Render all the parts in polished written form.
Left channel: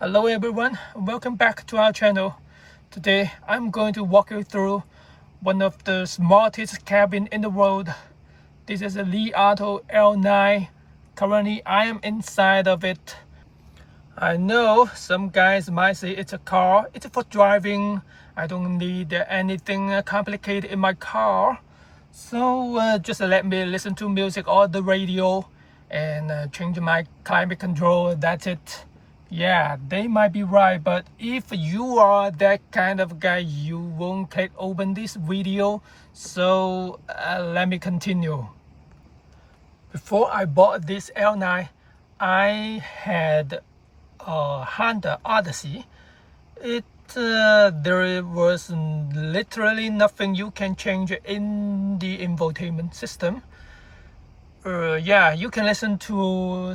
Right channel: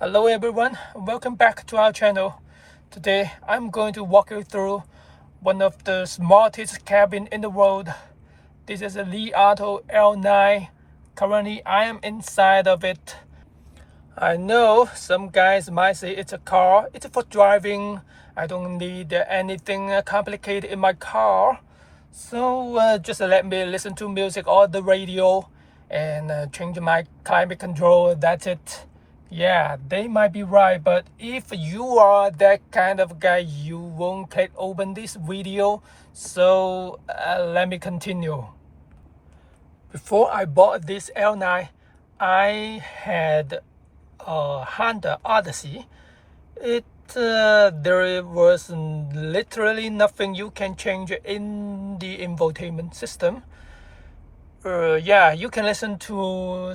Hello everyone, welcome back to our channel. Today I'm going to walk you through one of the smartest cabin in the world. This is a Li Auto L9. Currently I am inside of it. I know some guys might say it's a car, it's for driving. I don't need anything complicated in my car. So just let me listen to music or the radio and change my climate control, that's it. Yeah, they might be right, but if you are that kind of guy, you won't click open this video. So let me continue. Before I bought this L9, I had a Honda Odyssey. There was literally nothing you can change in the infotainment system. Yeah, you can listen to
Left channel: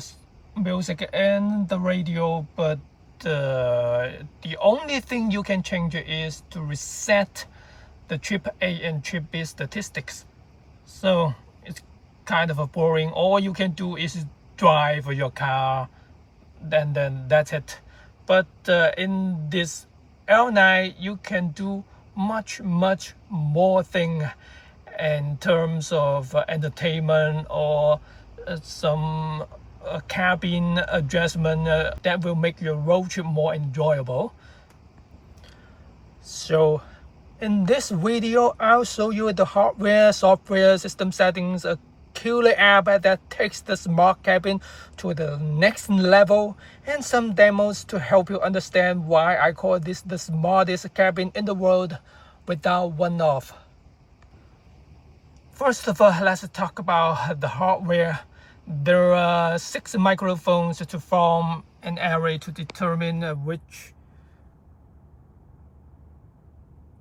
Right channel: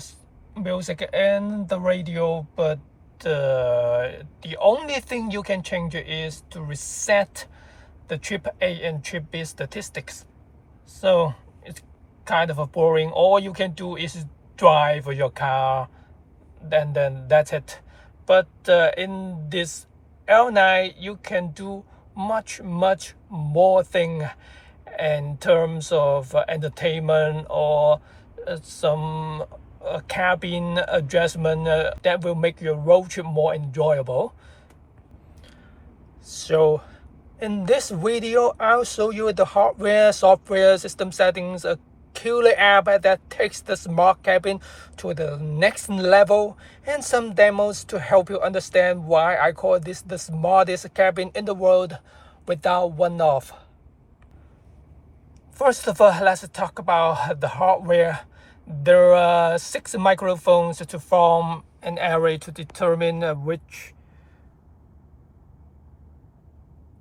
music and the radio, but the only thing you can change is to reset the trip A and trip B statistics. So it's kind of a boring. All you can do is drive your car, then that's it. But in this L9, you can do much more thing in terms of entertainment or some cabin adjustment that will make your road trip more enjoyable. So in this video, I'll show you the hardware, software, system settings, a killer app that takes the smart cabin to the next level, and some demos to help you understand why I call this the smartest cabin in the world without one off. First of all, let's talk about the hardware. There are 6 microphones to form an array to determine which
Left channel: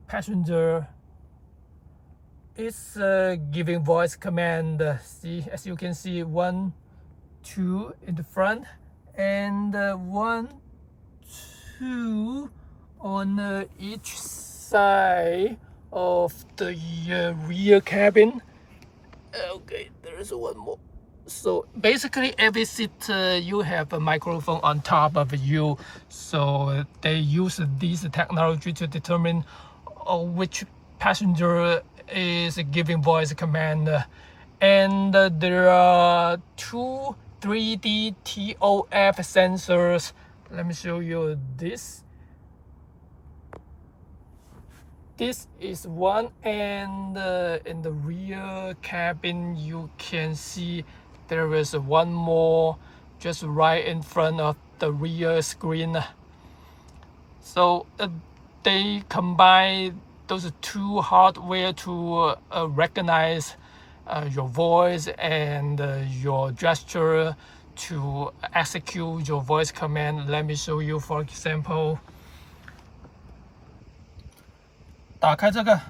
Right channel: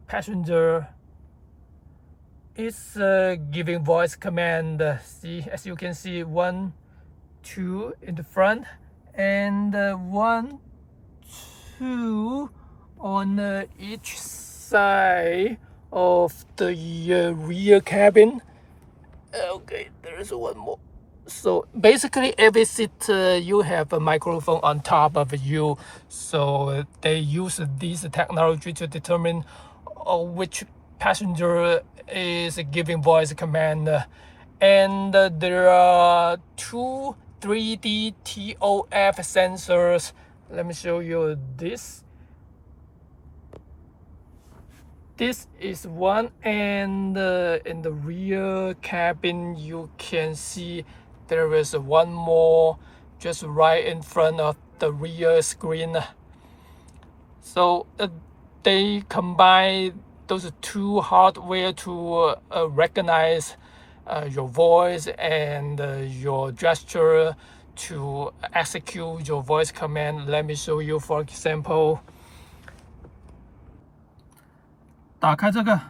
passenger is giving voice command. See, as you can see, 1, 2 in the front, and 1, 2 on each side of the rear cabin. Okay, there is one more. So basically every seat you have a microphone on top of you, so they use this technology to determine which passenger is giving voice command. And there are 2 3D TOF sensors. Let me show you this. This is one, and in the rear cabin you can see there is one more just right in front of the rear screen. So they combine those 2 hardware to recognize your voice and your gesture to execute your voice command. Let me show you, for example. 打开这个。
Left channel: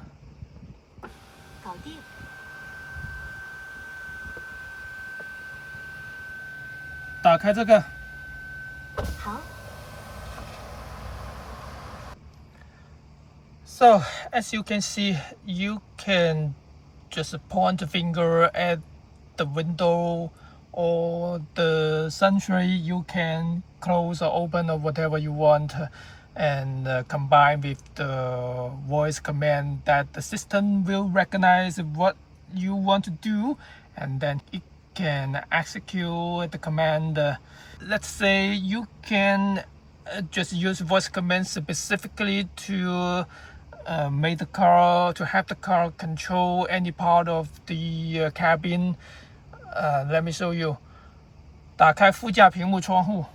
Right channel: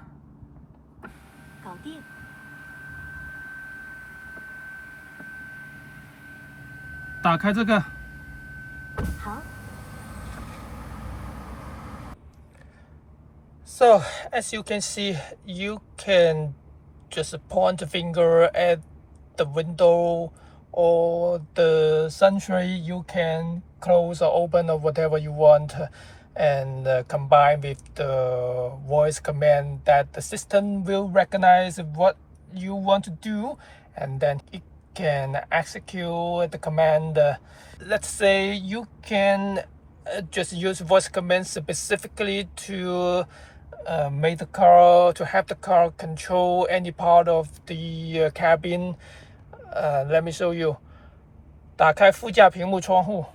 搞定。打开这个。好。So as you can see, you can just point a finger at the window or the sunshade. You can close or open or whatever you want, and combine with the voice command that the system will recognize what you want to do, and then it can execute the command. Let's say you can just use voice commands specifically to make the car, to have the car control any part of the cabin. Let me show you. 打开副驾屏幕窗户。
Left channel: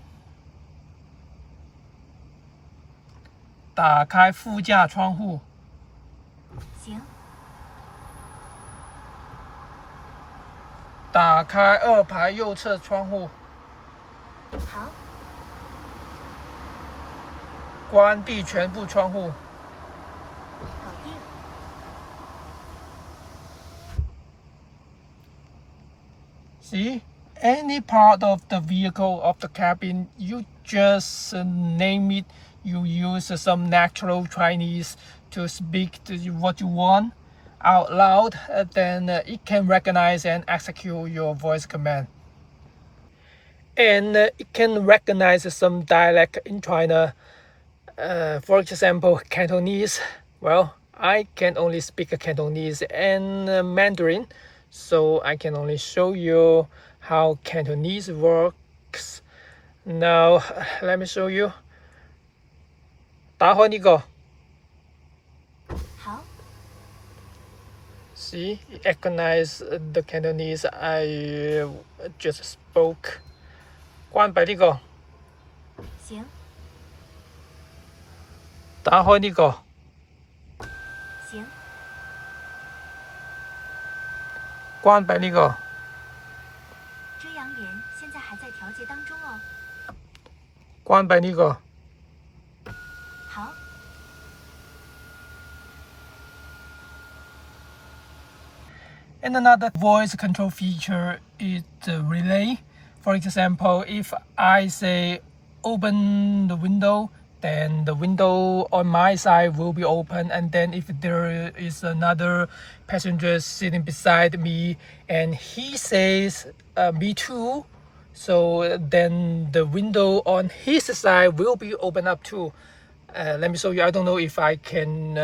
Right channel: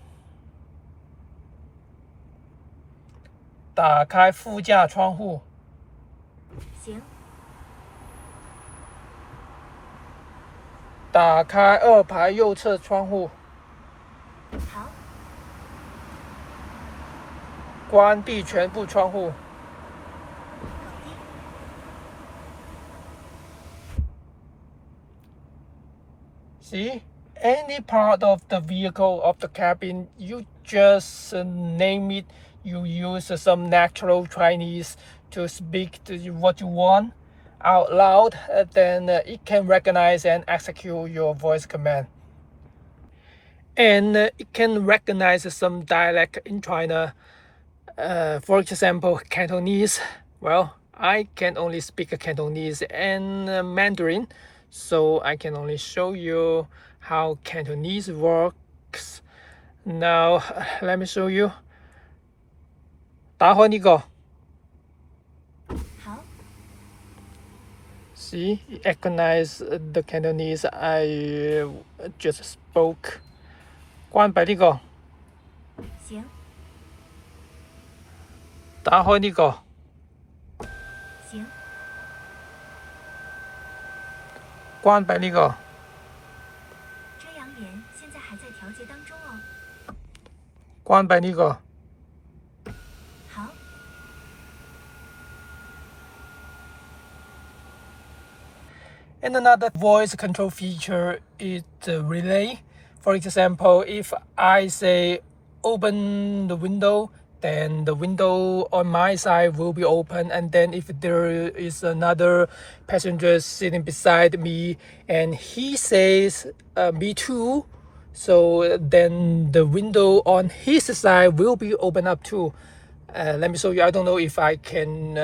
打开副驾窗户。行。打开2排右侧窗户。好。关闭全部窗户。搞定。See? Any part of the vehicle, of the cabin, you just name it. You use some natural Chinese to speak to what you want out loud, then it can recognize and execute your voice command. and it can recognize some dialect in China. For example, Cantonese. Well, I can only speak Cantonese and Mandarin, so I can only show you how Cantonese works. Now, let me show you. 打开呢個。好， See, it recognize the Cantonese I just spoke. 關閉呢個。行，打開呢個。行，關閉呢個。遮阳帘现在还在调节当中哦。關閉呢個。好， And another voice control feature is the relay. For example, if I say open the window, then the window on my side will be open. And then if there is another passenger sitting beside me and he says me too, so then the window on his side will be open up too. Let me show you. I don't know if I can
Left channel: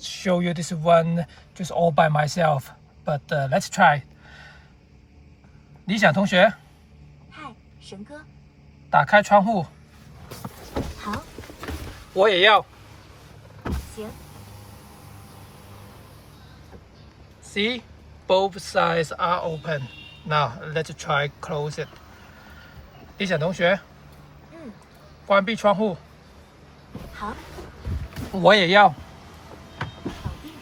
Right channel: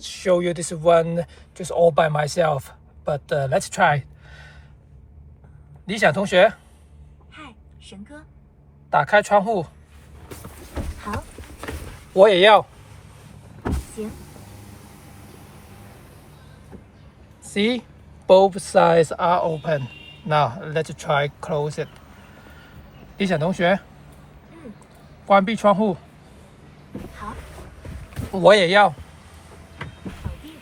show you this one just all by myself, but let's try. 理想同学，嗨，神哥，打开窗户。好，我也要。行， See, both sides are open. Now let's try close it. 理想同学，嗯，关闭窗户。好，我也要。搞定，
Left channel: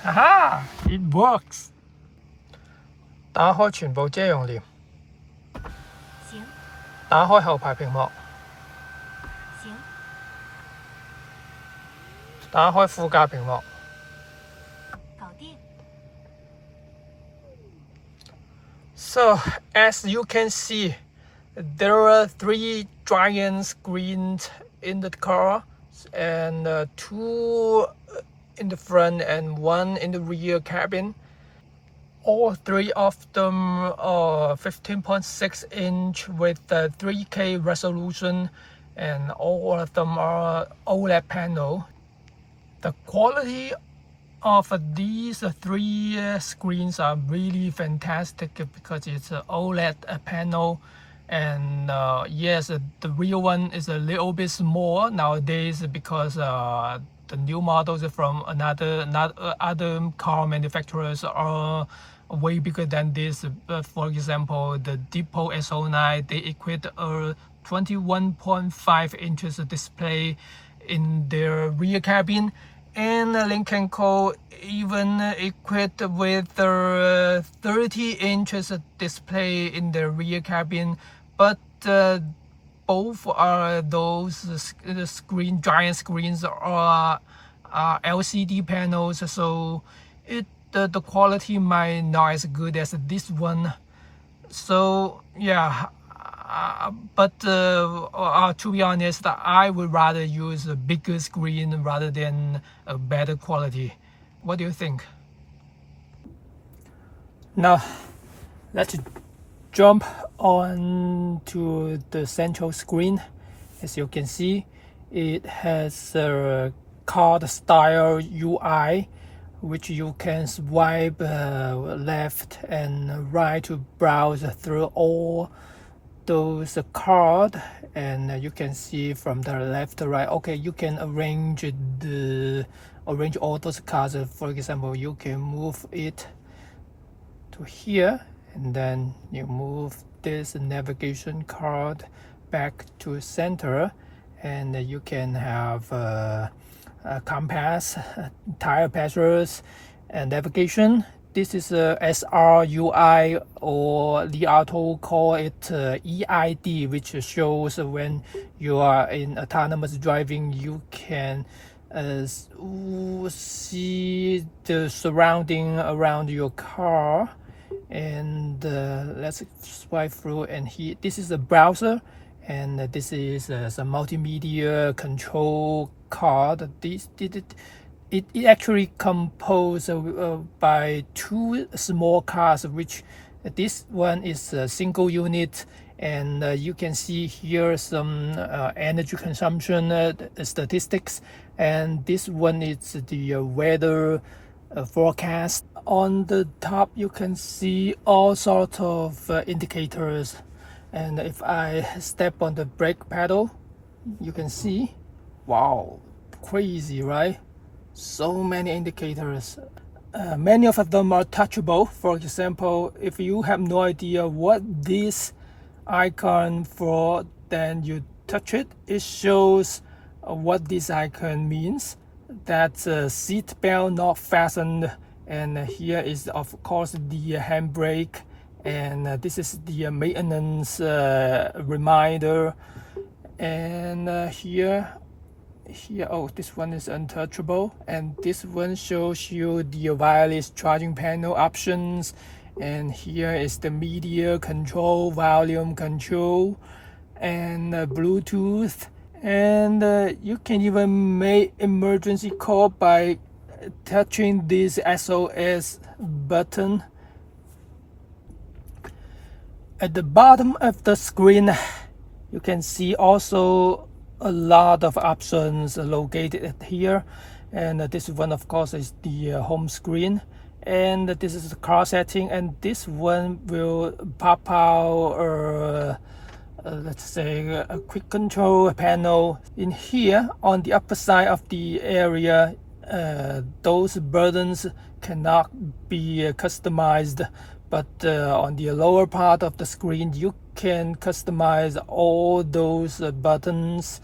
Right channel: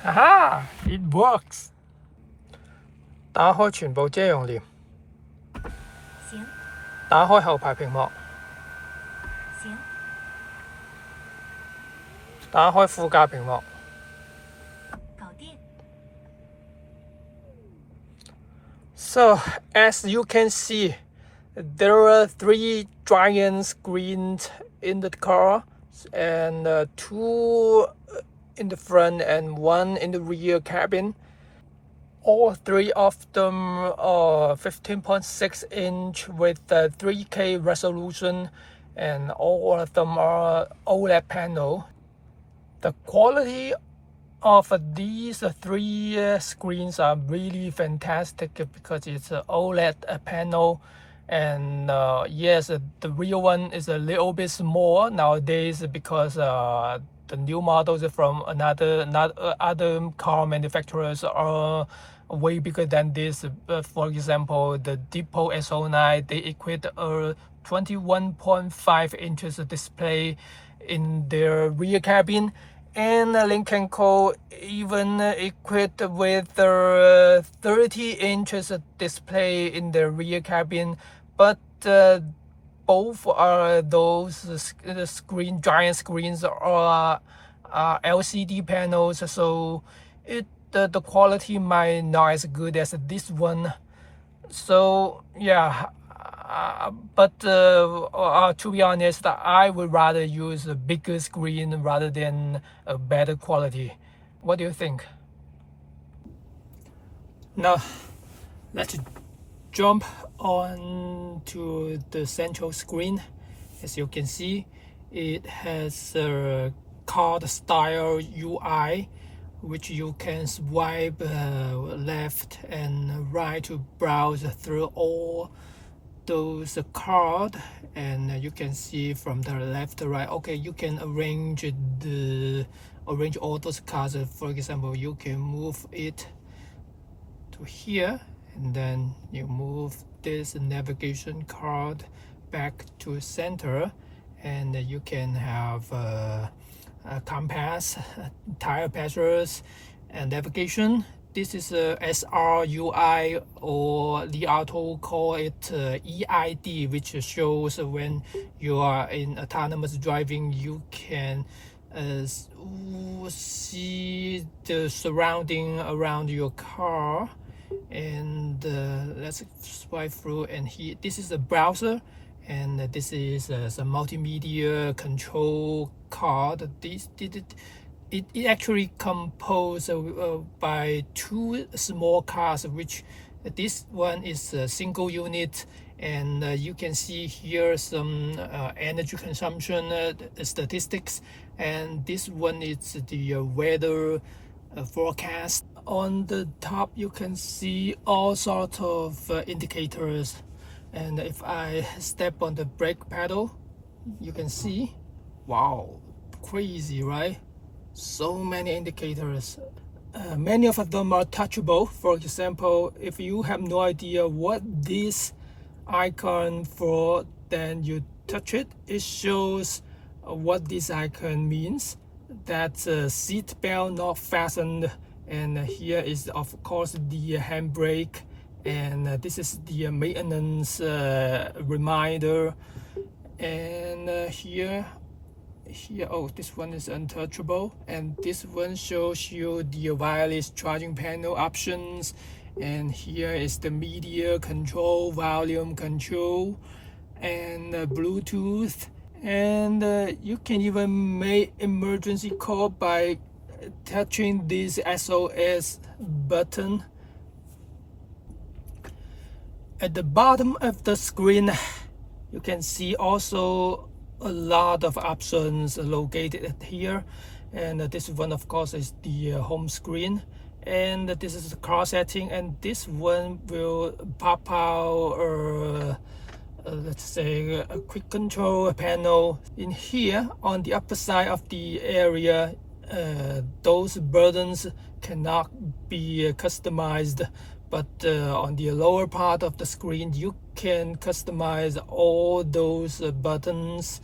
哈哈 It works. 打開全部遮陽簾。行，打開後排屏幕。行，打開副駕屏幕。搞定， So, as you can see, there are 3 giant screens in the car and 2 in the front and 1 in the rear cabin. All 3 of them are 15.6 inch with 3K resolution, and all of them are OLED panel. The quality of these 3 screens are really fantastic because it's an OLED panel, and yes, the real one is a little bit small nowadays because the new models from other car manufacturers are way bigger than this. For example, the Depot S09, they equipped a 21.5 inches display in their rear cabin, and Lincoln Co even equipped with a 30 inches display in the rear cabin, but both are those giant screens are LCD panels, so the quality might not as good as this one. So yeah, but to be honest, I would rather use a bigger screen rather than a better quality. What do you think? Now, let's jump on to the central screen. As you can see, it has a card style UI, which you can swipe left and right to browse through all those cards, and you can see from the left to right. Okay, you can arrange all those cards. For example, you can move it to here, and then you move this navigation card back to center, and you can have a compass, tire pressures, and navigation. This is a SRUI, or Li Auto call it EID, which shows when you are in autonomous driving, you can see the surrounding around your car. And let's swipe through, and here this is a browser, and this is some multimedia control card. It actually composed by 2 small cards, which This one is a single unit, and you can see here some energy consumption statistics, and this one is the weather forecast. On the top you can see all sorts of indicators, and if I step on the brake pedal you can see, wow, crazy, right? So many indicators. Many of them are touchable. For example, if you have no idea what this icon for, then you touch it, it shows what this icon means. That's a seat belt not fastened, and here is of course the handbrake, and this is the maintenance reminder. And here, oh, this one is untouchable, and this one shows you the wireless charging panel options, and here is the media control, volume control, and Bluetooth, and you can even make emergency call by touching this SOS button. At the bottom of the screen you can see also a lot of options located here, and this one of course is the home screen, and this is the car setting, and this one will pop out let's say a quick control panel. In here on the upper side of the area, those buttons cannot be customized, but on the lower part of the screen you can customize all those buttons.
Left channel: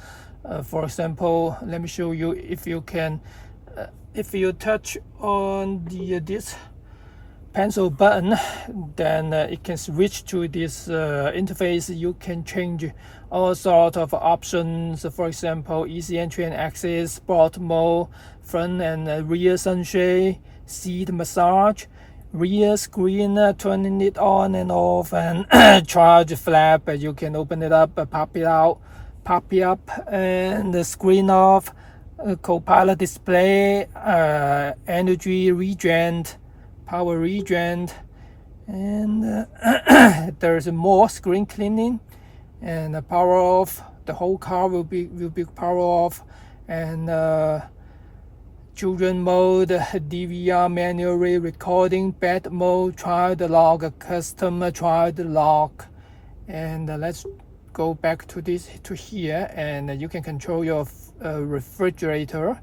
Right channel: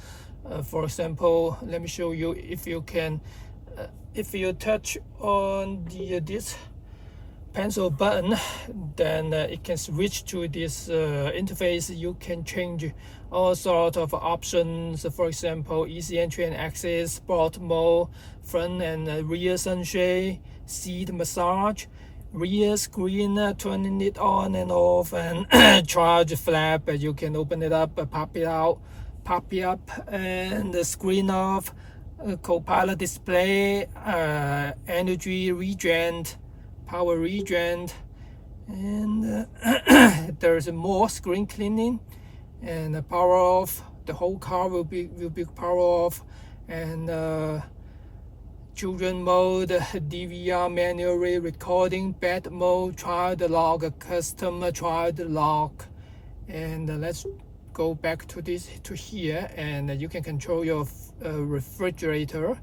For example, let me show you. If you can if you touch on this pencil button, then it can switch to this interface. You can change all sorts of options, for example easy entry and exit, sport mode, front and rear sunshade, seat massage, rear screen, turning it on and off, and charge flap, you can open it up, pop it out, pop it up, and the screen off, co-pilot display, energy regen, power regen, and there's more screen cleaning and power off. The whole car will be power off, and children mode, DVR manually recording, bed mode, child lock, custom child lock. And let's go back to here, and you can control your refrigerator,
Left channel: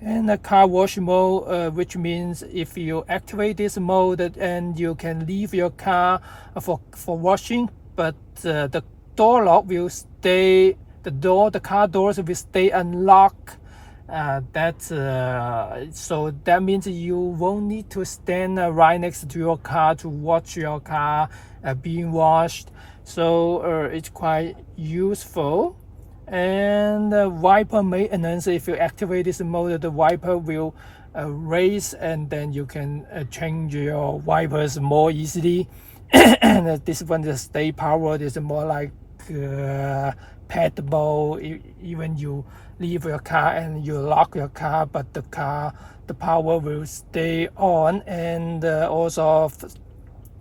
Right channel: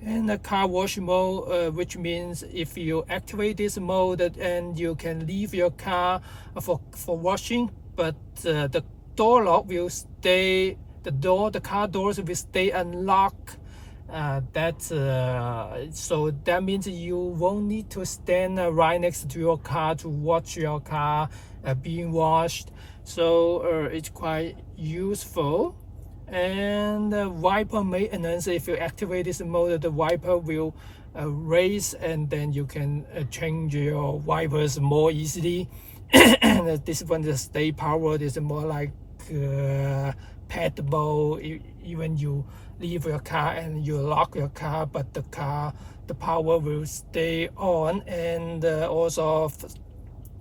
and the car wash mode, which means if you activate this mode, and you can leave your car for washing, but the door lock will stay, the car doors will stay unlocked. So that means you won't need to stand right next to your car to watch your car being washed. So it's quite useful. And wiper maintenance, if you activate this mode, the wiper will raise, and then you can change your wipers more easily. And this one, the stay powered, is more like pedal. Even you leave your car and you lock your car, but the power will stay on. And also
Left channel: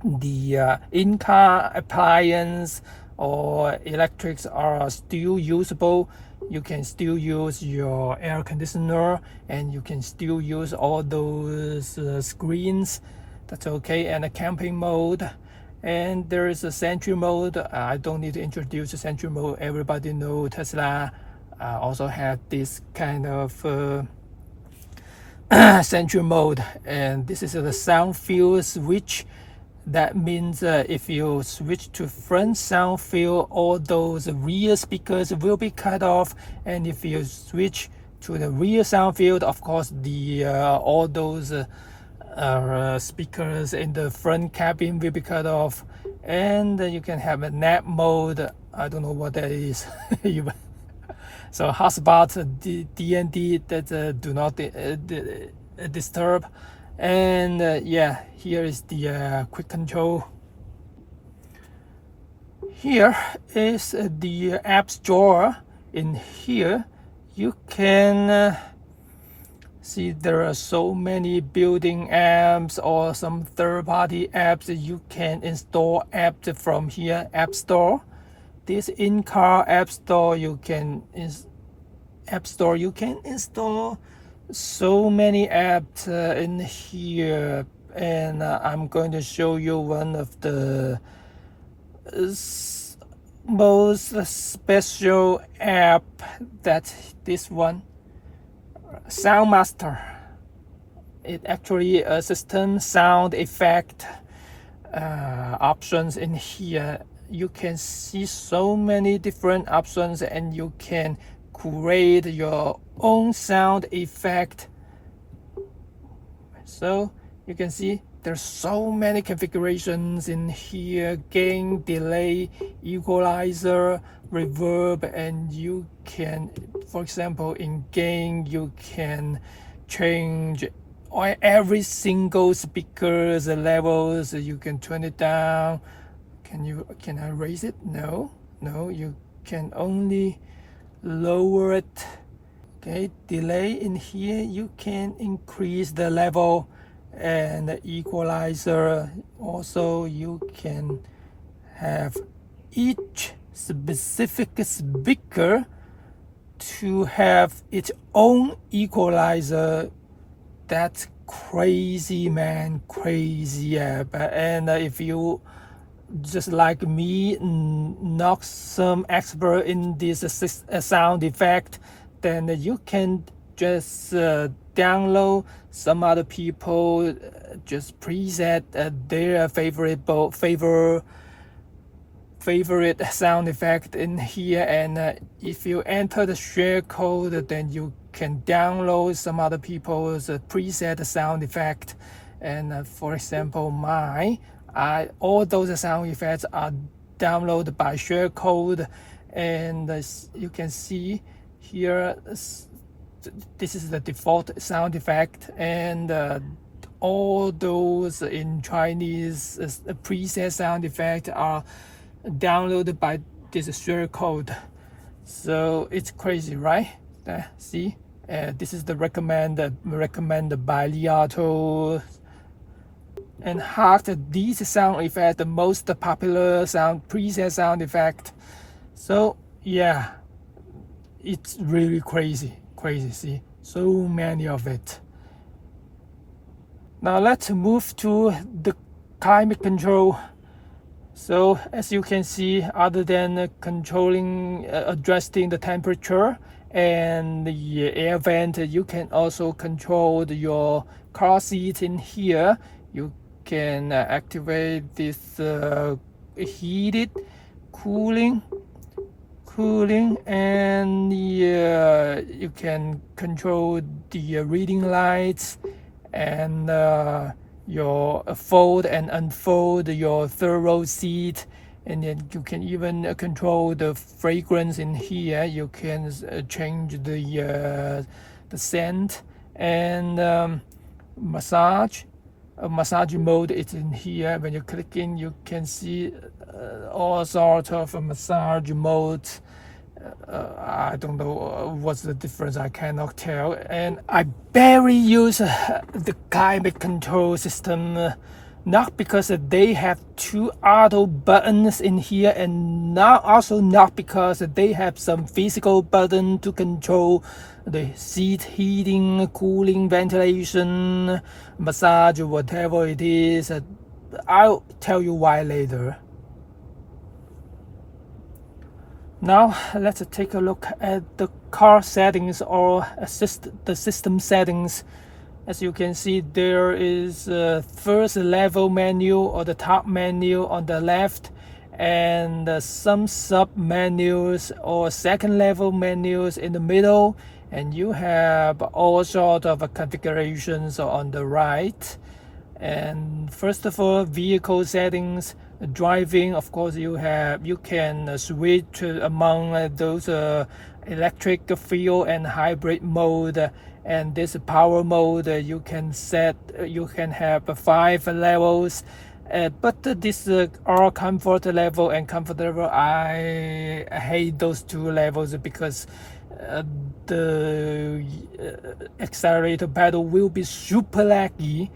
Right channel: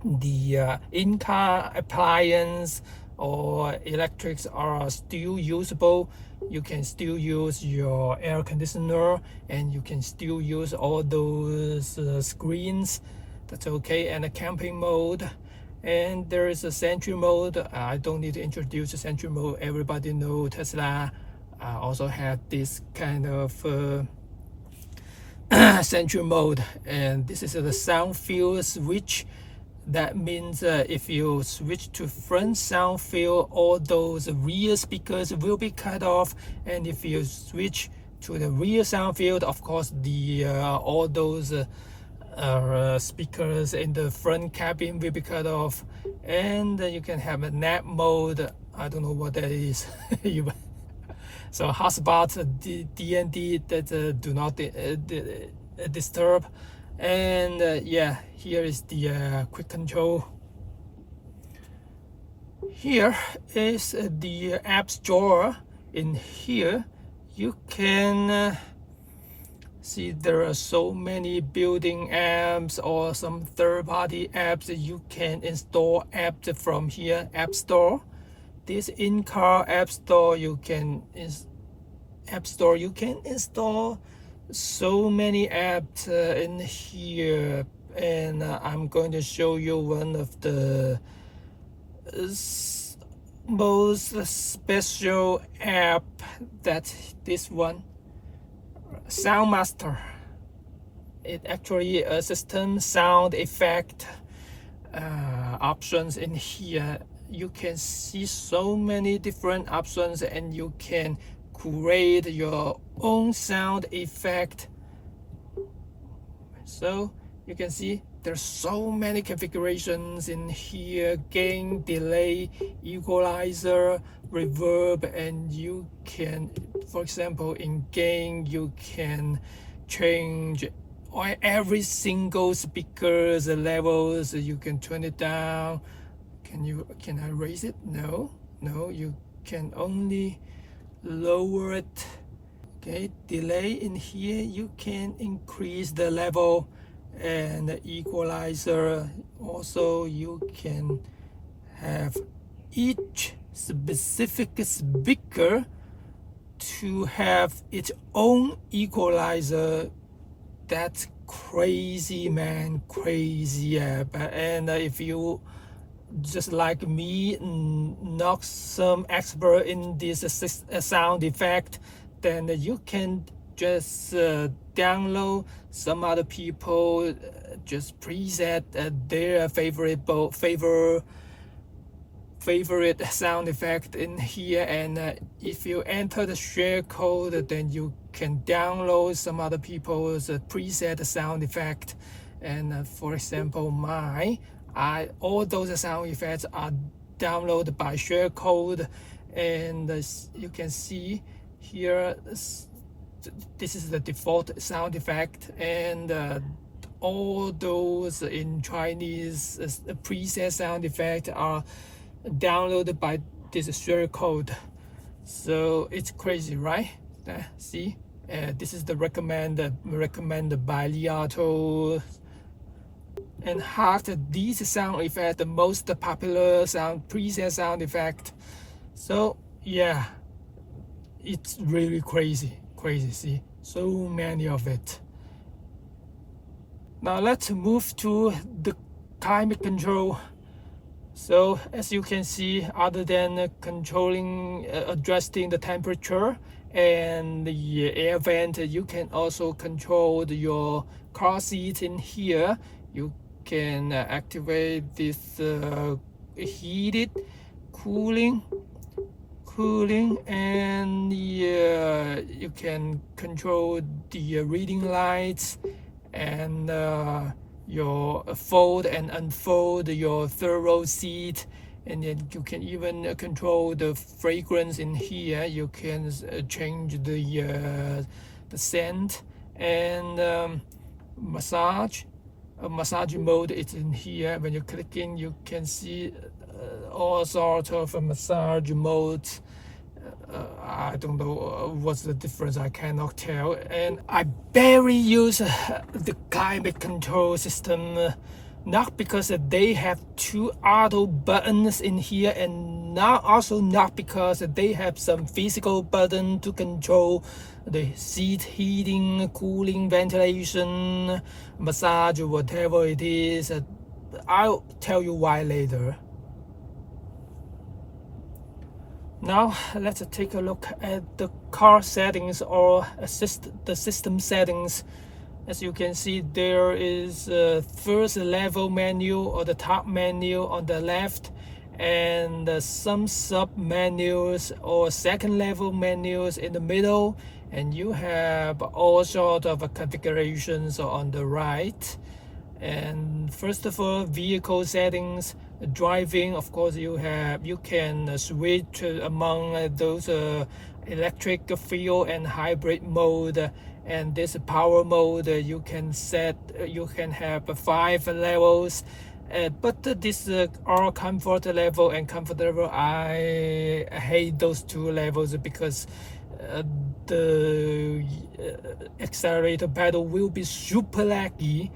the in-car appliance or electrics are still usable. You can still use your air conditioner, and you can still use all those screens. That's okay. And a camping mode, and there is a Sentry mode. I don't need to introduce the Sentry mode. Everybody knows Tesla also had this kind of Sentry mode, and this is the sound field switch. That means if you switch to front sound field, all those rear speakers will be cut off, and if you switch to the rear sound field, of course the all those speakers in the front cabin will be cut off. And you can have a nap mode. I don't know what that is. So hotspot, DND, that do not disturb. And yeah, here is the quick control. Here is the apps drawer. In here you can See, there are so many built-in apps or some third-party apps that you can install apps from here, App Store. This in-car App Store you can install so many apps in here, and I'm going to show you one of the most special app. That this one, Soundmaster. It actually a system sound effect options in here. You can see so many different options, and you can create your own sound effect. So you can see there's so many configurations in here: gain, delay, equalizer, reverb. And you can, for example, in gain you can change every single speaker's levels. You can turn it down. Can I raise it? No, you can only lower it. Okay, delay in here, you can increase the level, and the equalizer also you can have each specific speaker to have its own equalizer. That's crazy, man, crazy app. And if you just like me, not some expert in this sound effect, then you can just download some other people just preset their favorite sound effect in here. And if you enter the share code, then you can download some other people's preset sound effect. And for example, all those sound effects are downloaded by share code. And you can see here, this is the default sound effect, and all those in Chinese preset sound effect are downloaded by this share code. So it's crazy, right? See, this is the recommended by Li Auto. And half these sound effects, the most popular preset sound effect. So yeah, it's really crazy. See, so many of it. Now let's move to the climate control. So as you can see, other than controlling, adjusting the temperature and the air vent, you can also control your car seat in here. You can activate this heated, cooling, and you can control the reading lights, and your fold and unfold your third row seat. And then you can even control the fragrance in here. You can change the scent, and massage mode is in here. When you click in, you can see all sorts of massage modes. I don't know what's the difference, I cannot tell. And I barely use the climate control system, not because they have two auto buttons in here, and also not because they have some physical button to control the seat heating, cooling, ventilation, massage, whatever it is. I'll tell you why later. Now let's take a look at the car settings, or the system settings. As you can see, there is a first level menu, or the top menu on the left, and some sub menus or second level menus in the middle, and you have all sorts of configurations on the right. And first of all, vehicle settings. Driving, of course, you can switch among those electric, fuel, and hybrid mode. And this power mode, you can have 5 levels, but this are comfort level and comfort level. I hate those 2 levels because the accelerator pedal will be super laggy.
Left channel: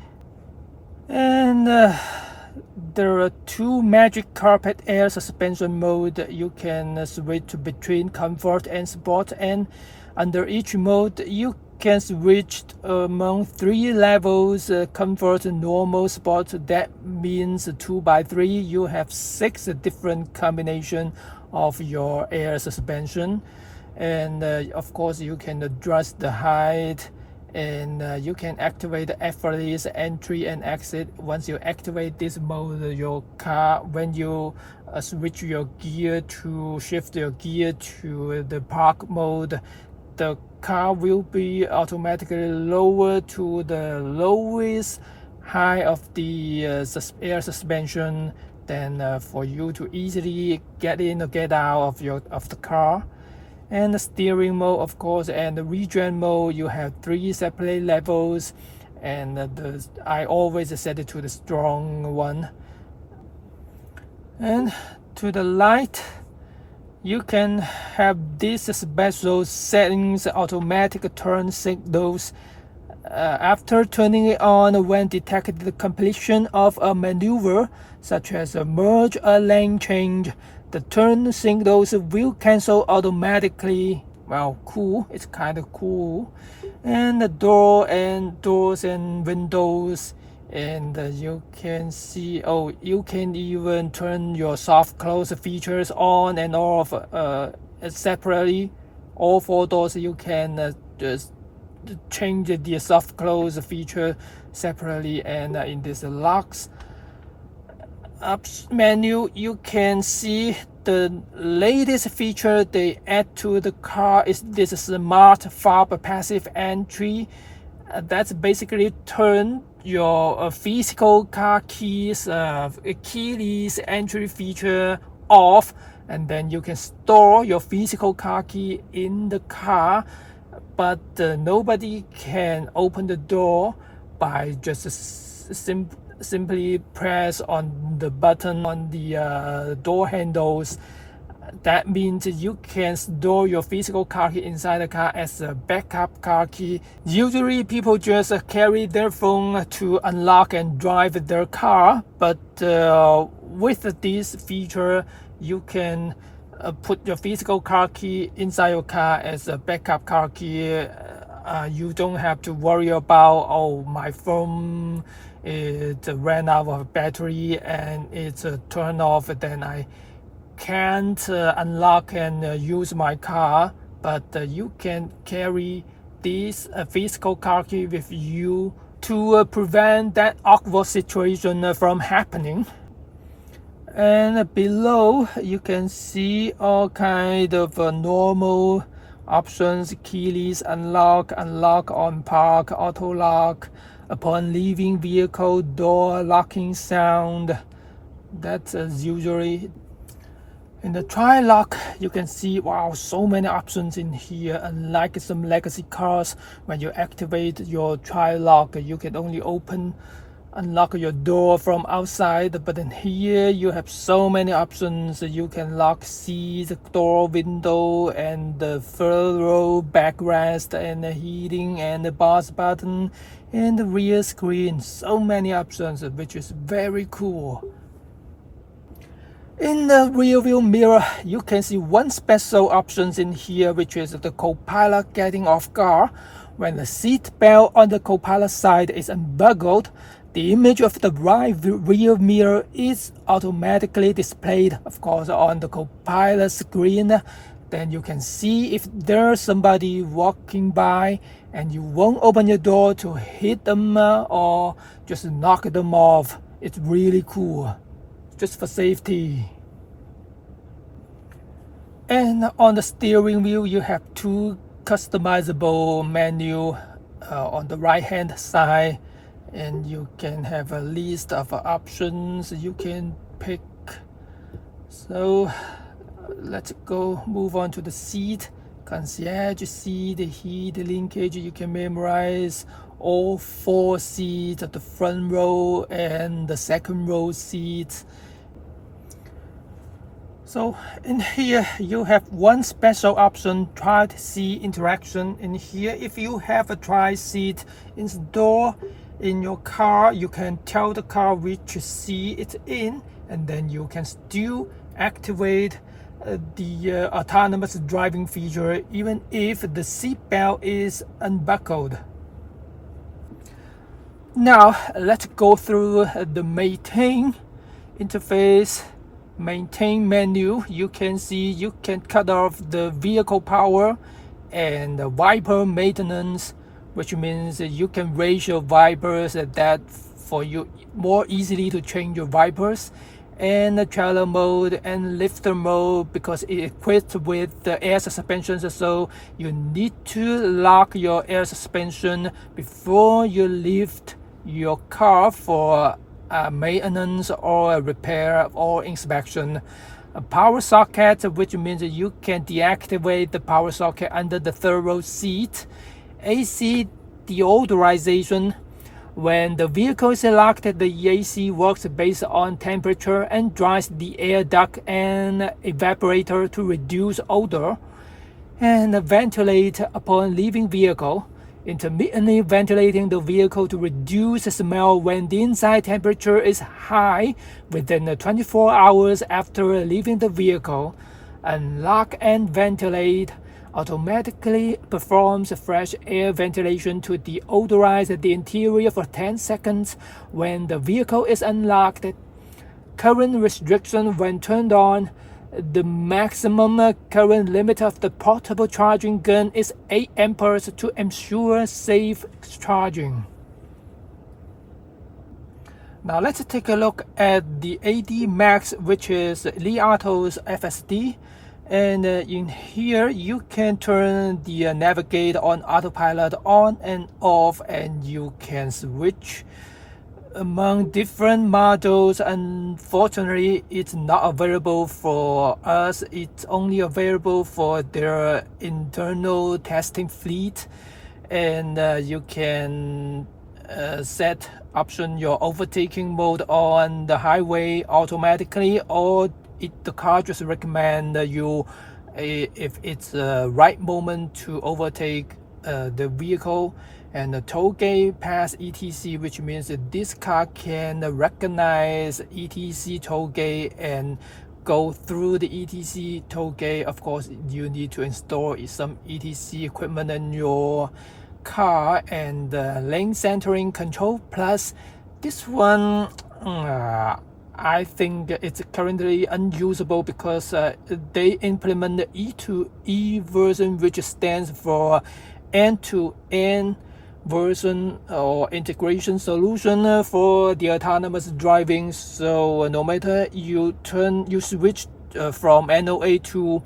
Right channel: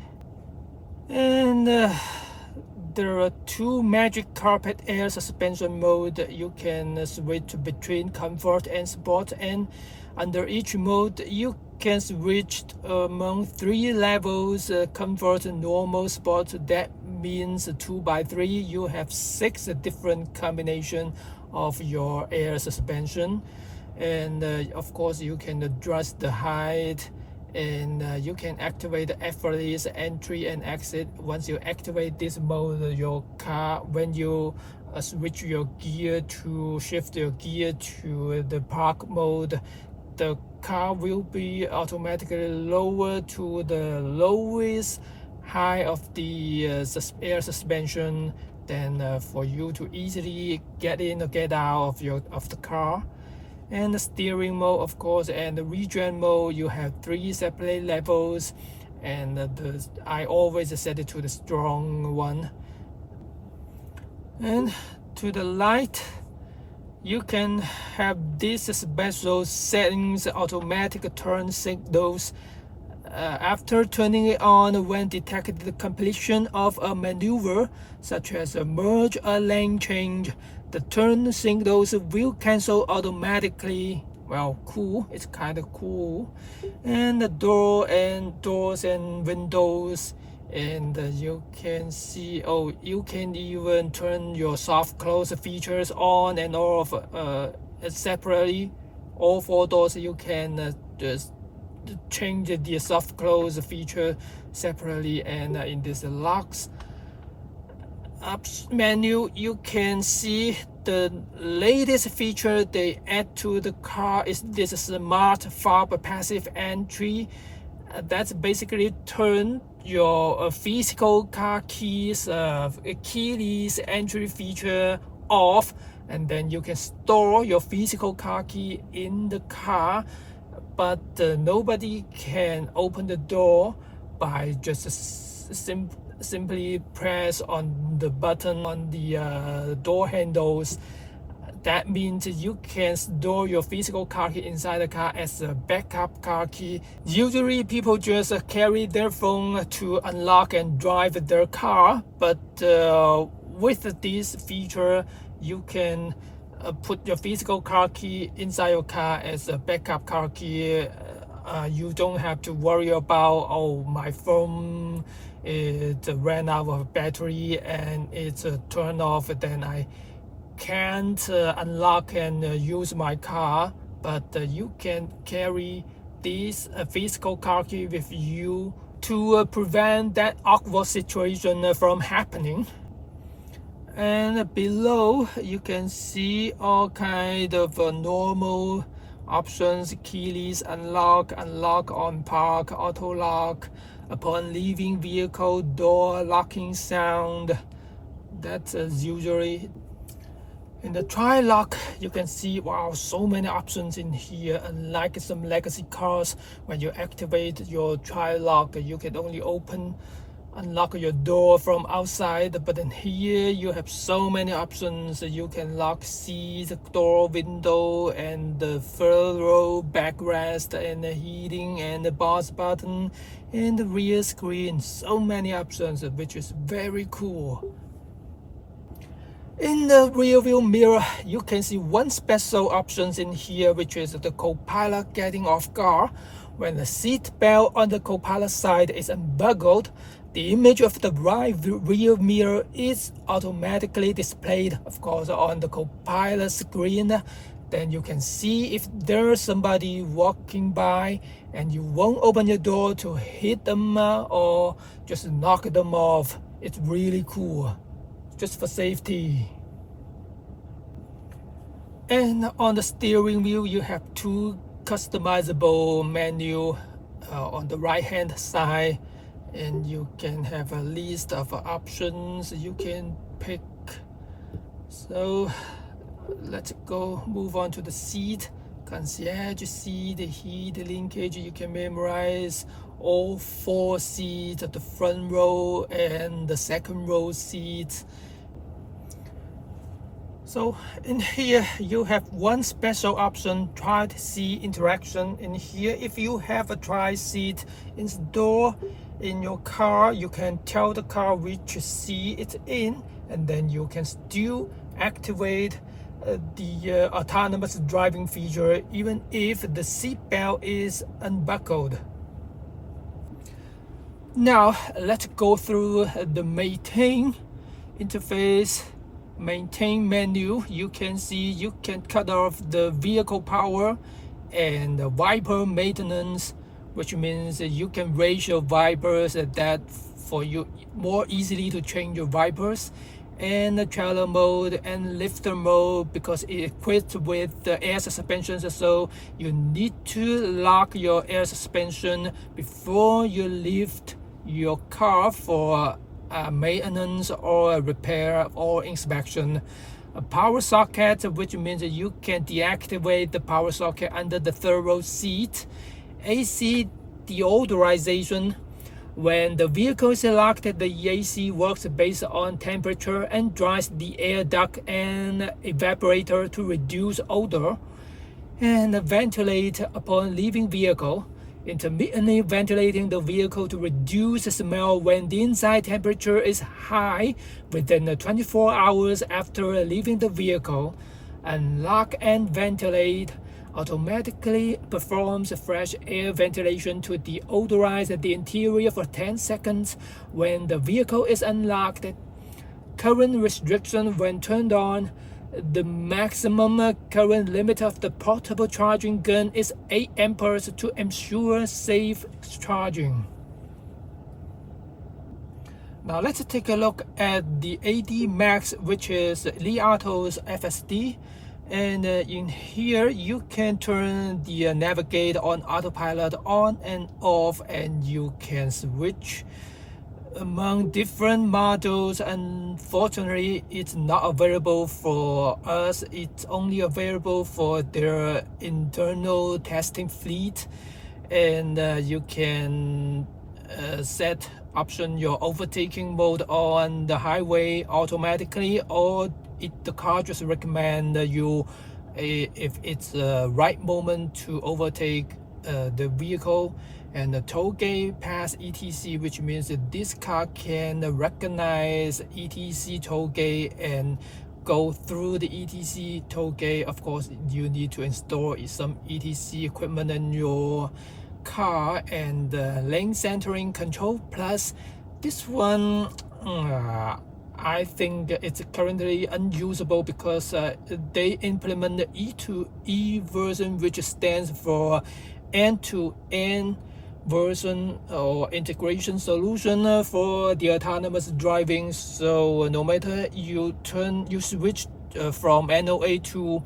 And there are two magic carpet air suspension mode. You can switch between comfort and sport, and under each mode you can switch among three levels: comfort, normal, sport. That means 2x3. You have 6 different combinations of your air suspension, and of course you can adjust the height, and you can activate the effortless entry and exit. Once you activate this mode, your car, when you switch your gear to shift your gear to the park mode, the car will be automatically lowered to the lowest height of the air suspension, then for you to easily get in or get out of the car. And the steering mode, of course, and the regen mode, you have 3 separate levels, and I always set it to the strong one. And to the light, you can have these special settings: automatic turn signals. After turning it on, when detected the completion of a maneuver, such as a merge or lane change, the turn signals will cancel automatically. Well, cool. It's kind of cool. And the doors and windows, and you can see, oh, you can even turn your soft close features on and off separately. All 4 doors you can just change the soft close feature separately. And in this locks up menu, you can see the latest feature they add to the car is this smart fob passive entry. That's basically turn your physical car keys keyless entry feature off, and then you can store your physical car key in the car, but nobody can open the door by just simply press on the button on the door handles. That means you can store your physical car key inside the car as a backup car key. Usually people just carry their phone to unlock and drive their car, but with this feature you can put your physical car key inside your car as a backup car key. You don't have to worry about, oh, my phone it ran out of battery and it's turned off, then I can't unlock and use my car. But you can carry this physical car key with you to prevent that awkward situation from happening. And below you can see all kind of normal options: keyless unlock, unlock on park, auto lock, upon leaving vehicle, door locking sound. That's usually. In the tri-lock, you can see, wow, so many options in here. Unlike some legacy cars, when you activate your tri-lock, you can only unlock your door from outside, but in here you have so many options. You can lock seats, door, window, and the third row backrest, and the heating, and the pause button, and the rear screen. So many options, which is very cool. In the rear view mirror, you can see one special option in here, which is the co-pilot getting off guard. When the seat belt on the co-pilot side is unbuckled, the image of the right rear mirror is automatically displayed, of course, on the co-pilot screen. Then you can see if there's somebody walking by, and you won't open your door to hit them or just knock them off. It's really cool, just for safety. And on the steering wheel, you have 2 customizable menu on the right hand side, and you can have a list of options you can pick. So let's go move on to the seat. Concierge seat, heat linkage. You can memorize all 4 seats, the front row and the second row seats. So in here you have one special option, child seat interaction. In here, if you have a child seat installed in your car, you can tell the car which seat it's in, and then you can still activate the autonomous driving feature even if the seat belt is unbuckled. Now let's go through the maintain interface. Maintain menu. You can see you can cut off the vehicle power and the wiper maintenance, which means you can raise your wipers that for you more easily to change your wipers, and the trailer mode and lifter mode because it equipped with the air suspension, so you need to lock your air suspension before you lift your car for maintenance or repair or inspection. A power socket, which means you can deactivate the power socket under the third row seat. AC deodorization. When the vehicle is locked, the AC works based on temperature and dries the air duct and evaporator to reduce odor, and ventilate upon leaving vehicle, intermittently ventilating the vehicle to reduce the smell when the inside temperature is high within 24 hours after leaving the vehicle. Unlock and ventilate automatically performs fresh air ventilation to deodorize the interior for 10 seconds when the vehicle is unlocked. Current restriction when turned on. The maximum current limit of the portable charging gun is 8 amperes to ensure safe charging. Now let's take a look at the AD Max, which is Li Auto's FSD. And in here you can turn the navigate on autopilot on and off, and you can switch among different models. Unfortunately, it's not available for us. It's only available for their internal testing fleet, and you can set option your overtaking mode on the highway automatically, or the car just recommend you if it's the right moment to overtake the vehicle. And the toll gate pass etc, which means that this car can recognize etc toll gate and go through the etc toll gate. Of course, you need to install some etc equipment in your car. And lane centering control plus, this one I think it's currently unusable because they implement the E2E version, which stands for end-to-end version or integration solution for the autonomous driving. So no matter you switch from NOA to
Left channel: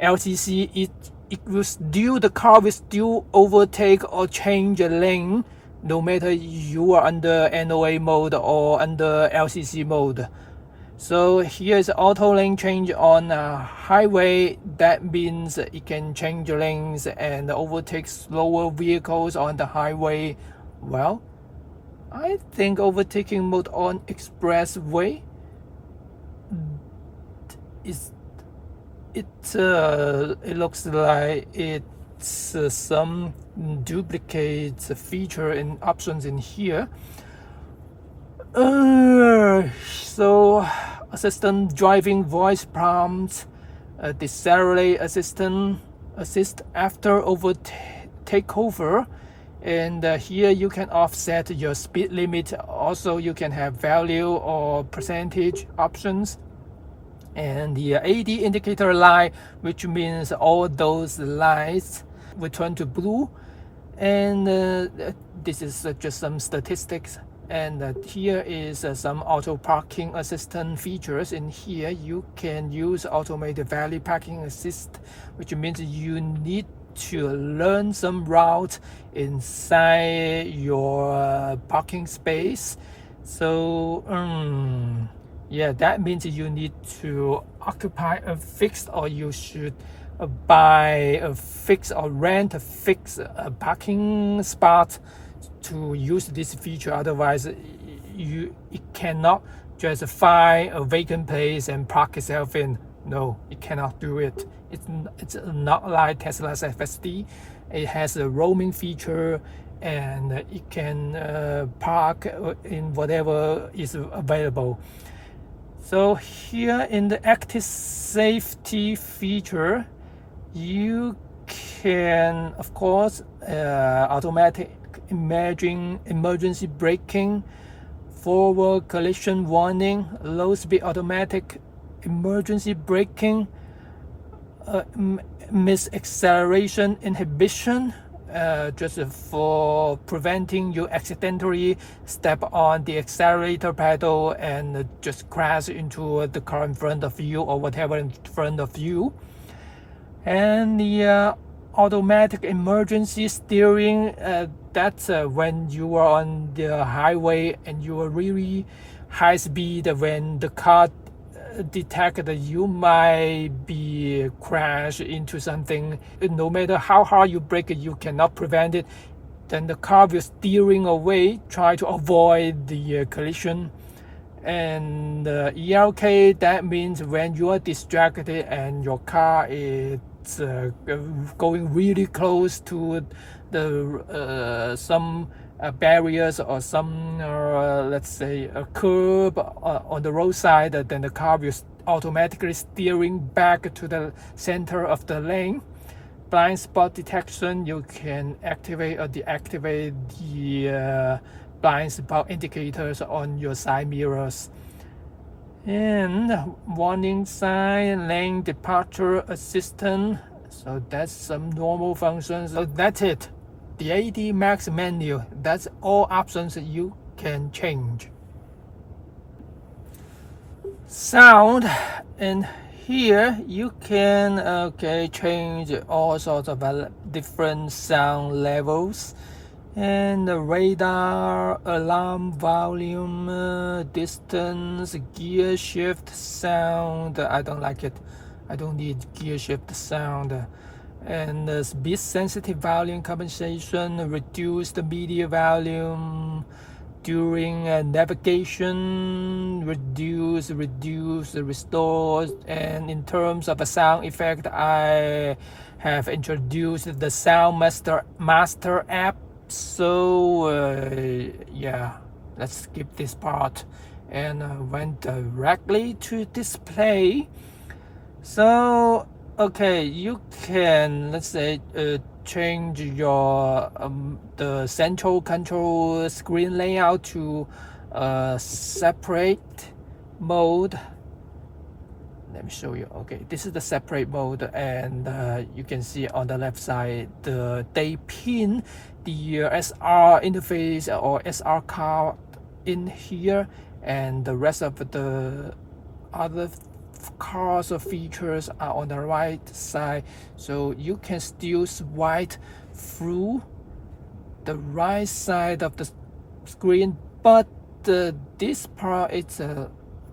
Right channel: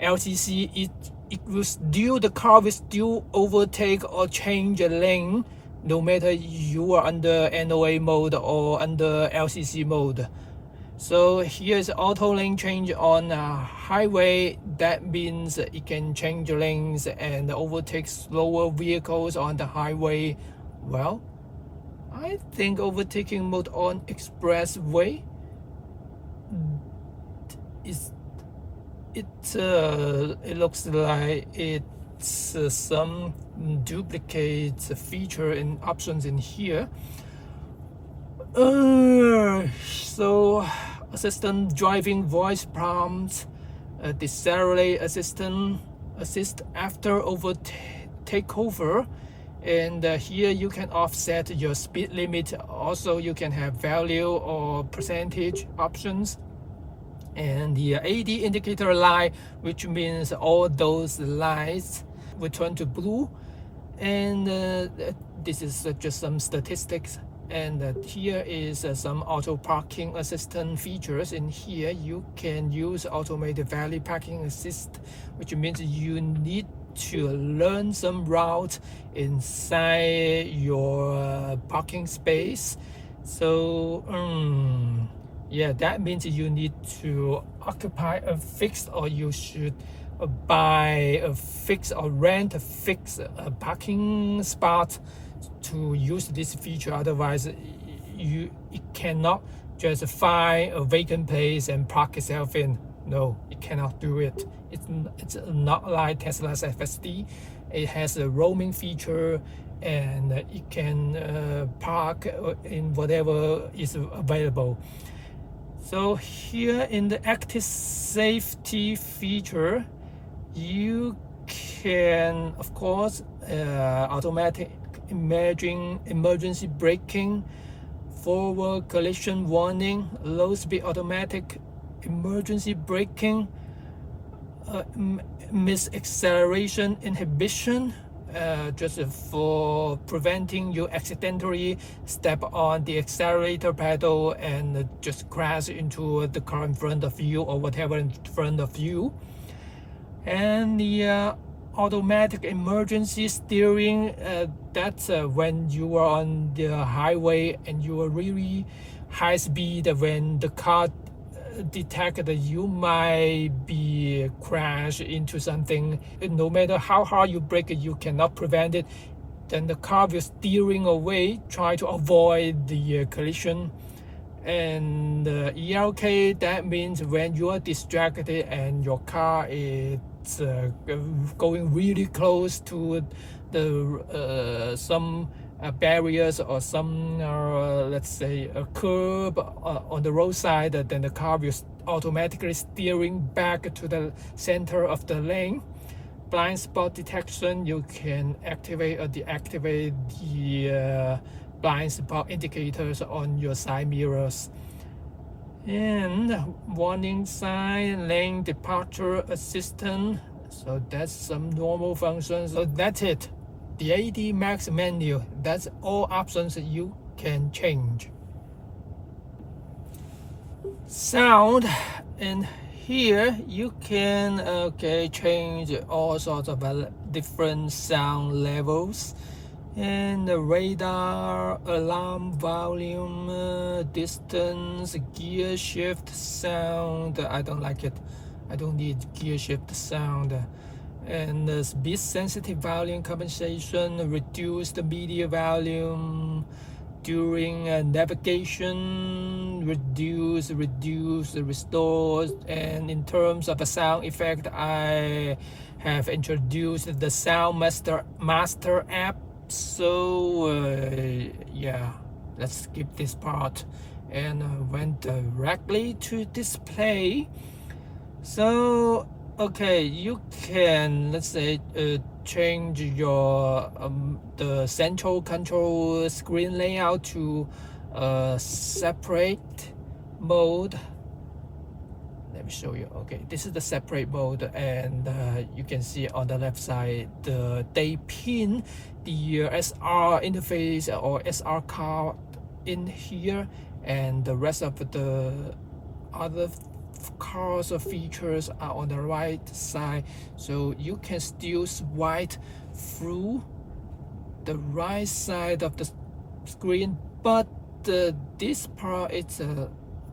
LCC, the car will still overtake or change a lane no matter you are under NOA mode or under LCC mode. So here's auto lane change on a highway. That means it can change lanes and overtake slower vehicles on the highway. Well, I think overtaking mode on expressway it looks like it's some duplicate feature and options in here. So assistant driving voice prompts, decelerate assist after takeover, and here you can offset your speed limit. Also you can have value or percentage options. And the AD indicator light, which means all those lights will turn to blue. And this is just some statistics. And here is some auto parking assistant features. In here you can use automated valet parking assist, which means you need to learn some routes inside your parking space. So yeah, that means you need to occupy a fixed, or you should buy a fixed or rent a fixed parking spot to use this feature. Otherwise, it cannot just find a vacant place and park itself in. No, it cannot do it. It's not like Tesla's FSD. It has a roaming feature, and it can park in whatever is available. So here in the active safety feature, you can, of course, automatic emergency braking, forward collision warning, low speed automatic emergency braking, misacceleration inhibition, just for preventing you accidentally step on the accelerator pedal and just crash into the car in front of you or whatever in front of you. And the automatic emergency steering, that's when you are on the highway and you are really high speed, when the car detect that you might be crash into something. No matter how hard you brake, you cannot prevent it. Then the car will steering away, try to avoid the collision. And ELK, that means when you are distracted and your car is going really close to the some barriers or some let's say a curb on the roadside, then the car will automatically steering back to the center of the lane. Blind spot detection, you can activate or deactivate the blind spot indicators on your side mirrors. And warning sign, lane departure assistant, so that's some normal functions. So that's it, the AD Max menu. That's all options that you can change. Sound, and here you can change all sorts of different sound levels, and the radar, alarm volume, distance, gear shift sound. I don't like it. I don't need gear shift sound. And the speed sensitive volume compensation, reduce the media volume during navigation, reduce, restore. And in terms of a sound effect, I have introduced the Sound Master app. So yeah, let's skip this part and went directly to display. So okay, you can, let's say, change your the central control screen layout to separate mode. Let me show you. Okay, this is the separate mode, and you can see on the left side they pin the SR interface or SR card in here, and the rest of the other cars or features are on the right side, so you can still swipe through the right side of the screen, but this part is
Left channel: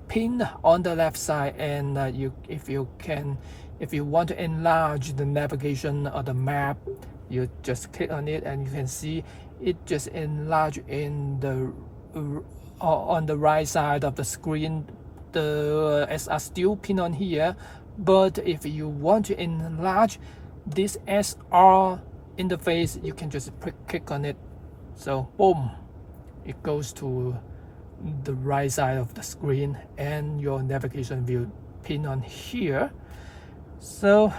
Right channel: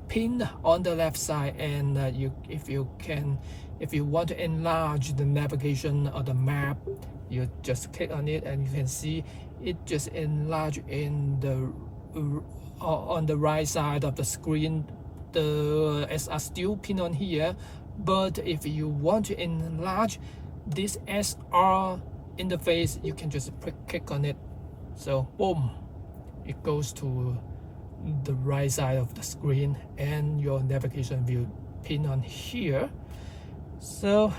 pinned on the left side, and if you want to enlarge the navigation or the map, you just click on it and you can see it just enlarge in the on the right side of the screen. The SR still pinned on here, but if you want to enlarge this SR interface, you can just click on it. So boom, it goes to the right side of the screen, and your navigation will pin on here. So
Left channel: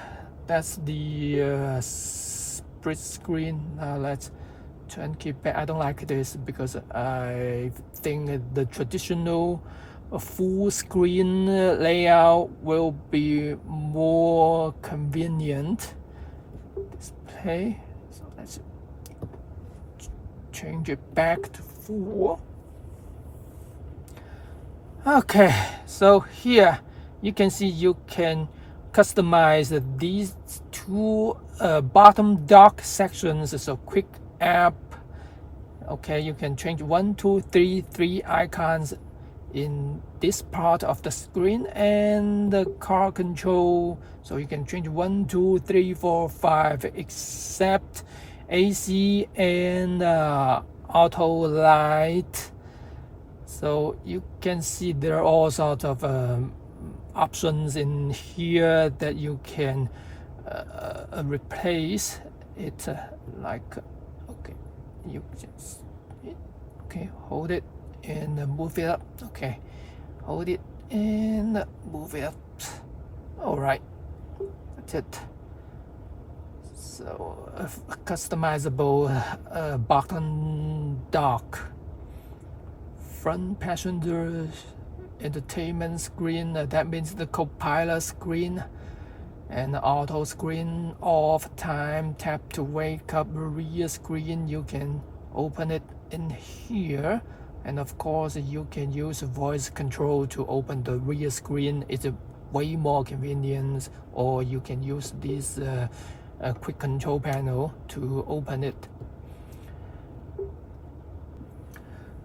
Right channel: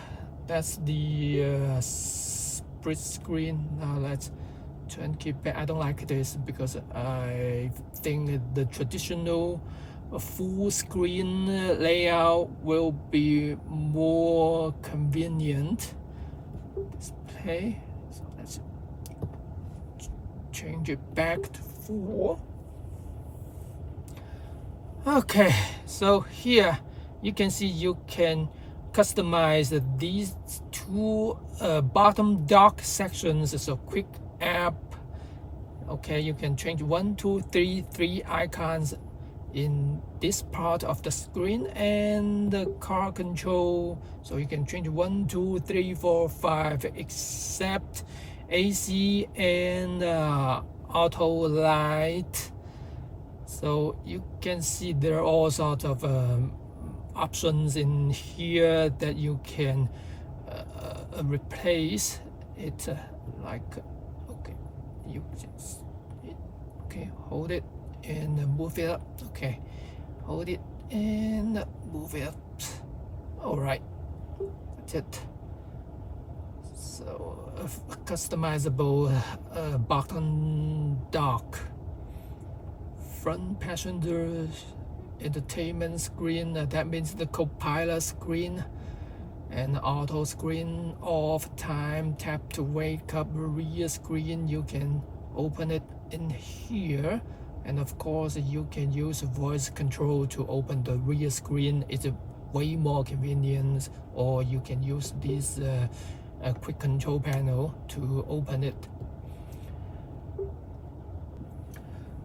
that's the split screen. Now let's turn keep back. I don't like this because I think the traditional full screen layout will be more convenient. Display. So let's change it back to full. Okay, so here you can see you can customize these two bottom dock sections. So quick app. Okay, you can change 1, 2, 3 icons in this part of the screen, and the car control. So you can change 1, 2, 3, 4, 5 except AC and auto light. So you can see there are all sorts of options in here that you can replace it, like, okay, you just, okay, hold it and move it up. Okay, hold it and move it up. All right, that's it. So a customizable button dock, front passenger entertainment screen, that means the co-pilot screen, and auto screen off, time tap to wake up, rear screen, you can open it in here, and of course you can use voice control to open the rear screen. It's way more convenient, or you can use this quick control panel to open it.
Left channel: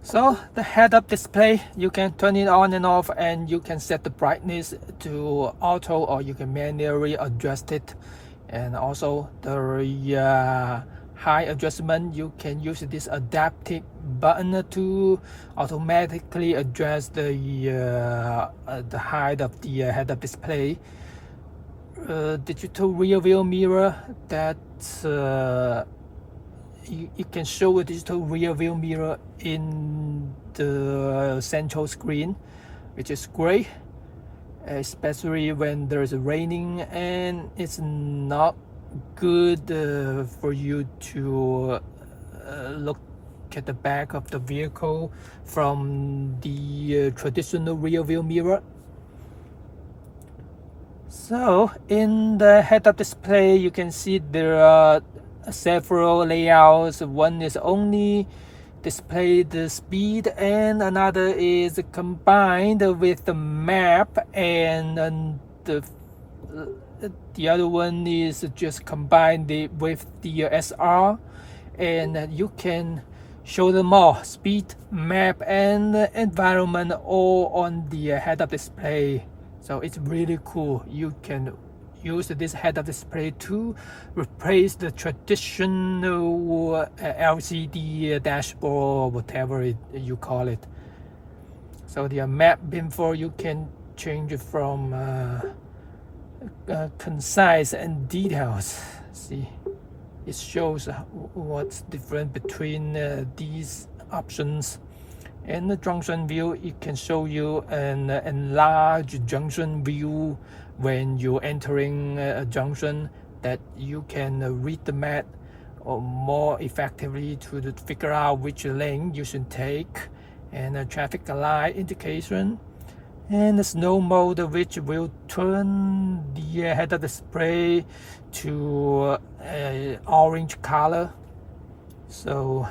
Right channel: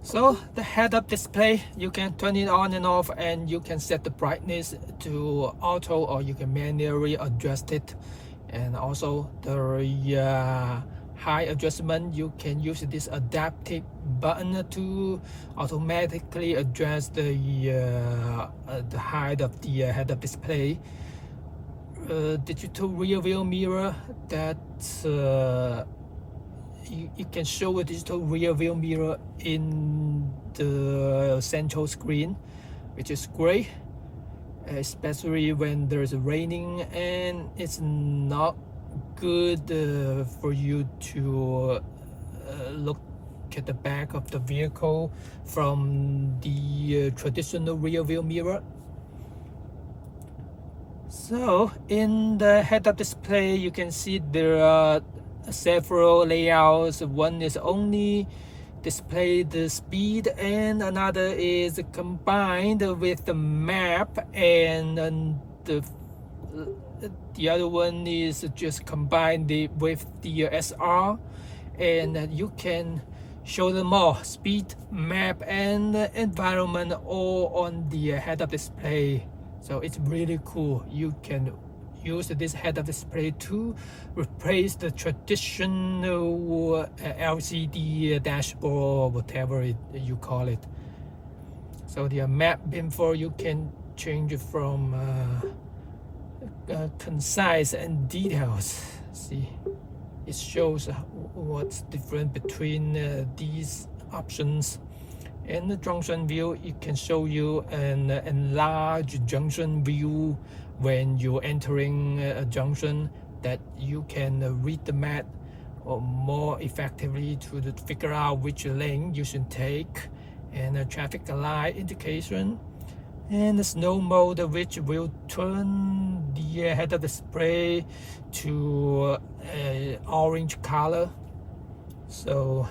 So the head-up display, you can turn it on and off, and you can set the brightness to auto, or you can manually adjust it. And also the high adjustment, you can use this adaptive button to automatically adjust the height of the head-up display. Digital rear view mirror, that you can show a digital rear view mirror in the central screen, which is great, especially when there's raining and it's not good for you to look at the back of the vehicle from the traditional rear view mirror. So in the head-up display, you can see there are several layouts. One is only display the speed, and another is combined with the map, and the other one is just combined with the SR, and you can show them all, speed, map, and environment, all on the head-up display. So it's really cool. You can use this head-up display to replace the traditional LCD dashboard, whatever you call it. So the map info, you can change from concise and details. See, it shows what's different between these options. In the junction view, it can show you an enlarged junction view when you're entering a junction, that you can read the map more effectively to figure out which lane you should take, and a traffic light indication, and the snow mode, which will turn the head-up display to orange color. So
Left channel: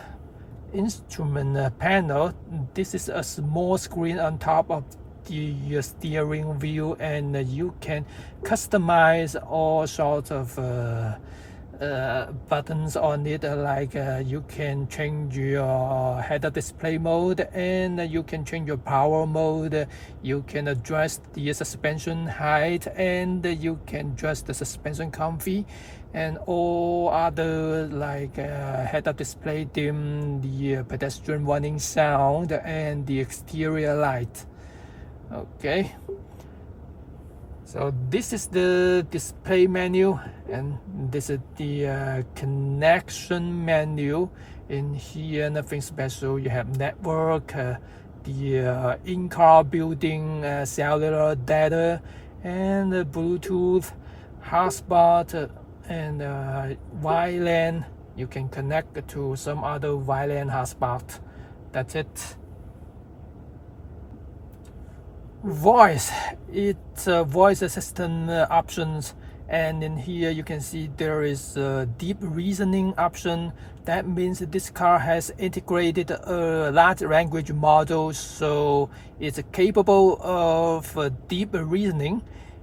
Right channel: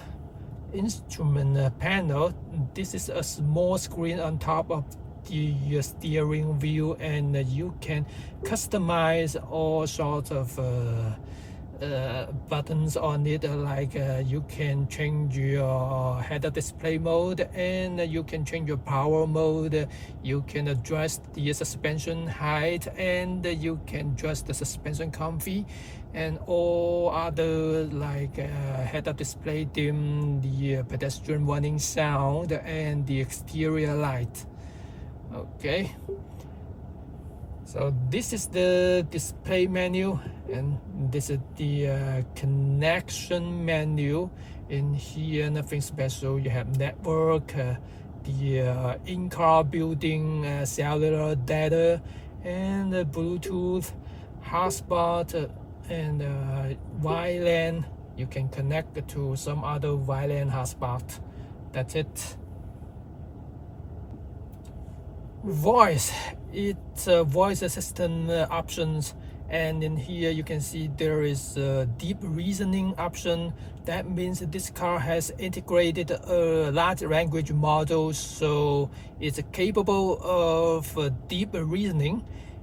instrument panel, this is a small screen on top of the steering wheel, and you can customize all sorts of buttons on it, like you can change your head-up display mode, and you can change your power mode, you can adjust the suspension height, and you can adjust the suspension comfy, and all other like head-up display dim, the pedestrian warning sound, and the exterior light. Okay, so this is the display menu, and this is the connection menu. In here, nothing special. You have network, the in-car building, cellular data, and Bluetooth, hotspot, and WLAN. You can connect to some other WLAN hotspot. That's it. Voice, it's voice assistant options, and in here you can see there is a deep reasoning option. That means this car has integrated a large language model, so it's capable of deep reasoning,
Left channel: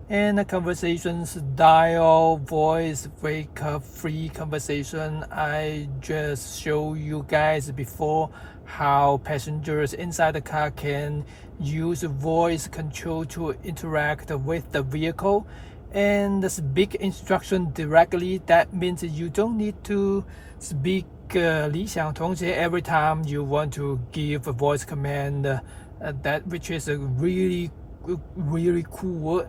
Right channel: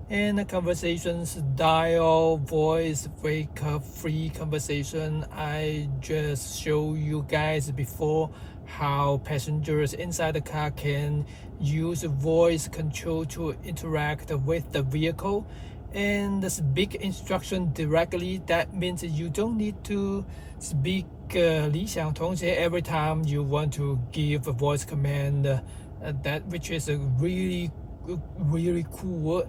and conversations, dial, voice, wake up, free conversation. I just showed you guys before how passengers inside the car can use voice control to interact with the vehicle, and speak instruction directly. That means you don't need to speak 理想同学 every time you want to give a voice command, that which is a really really cool.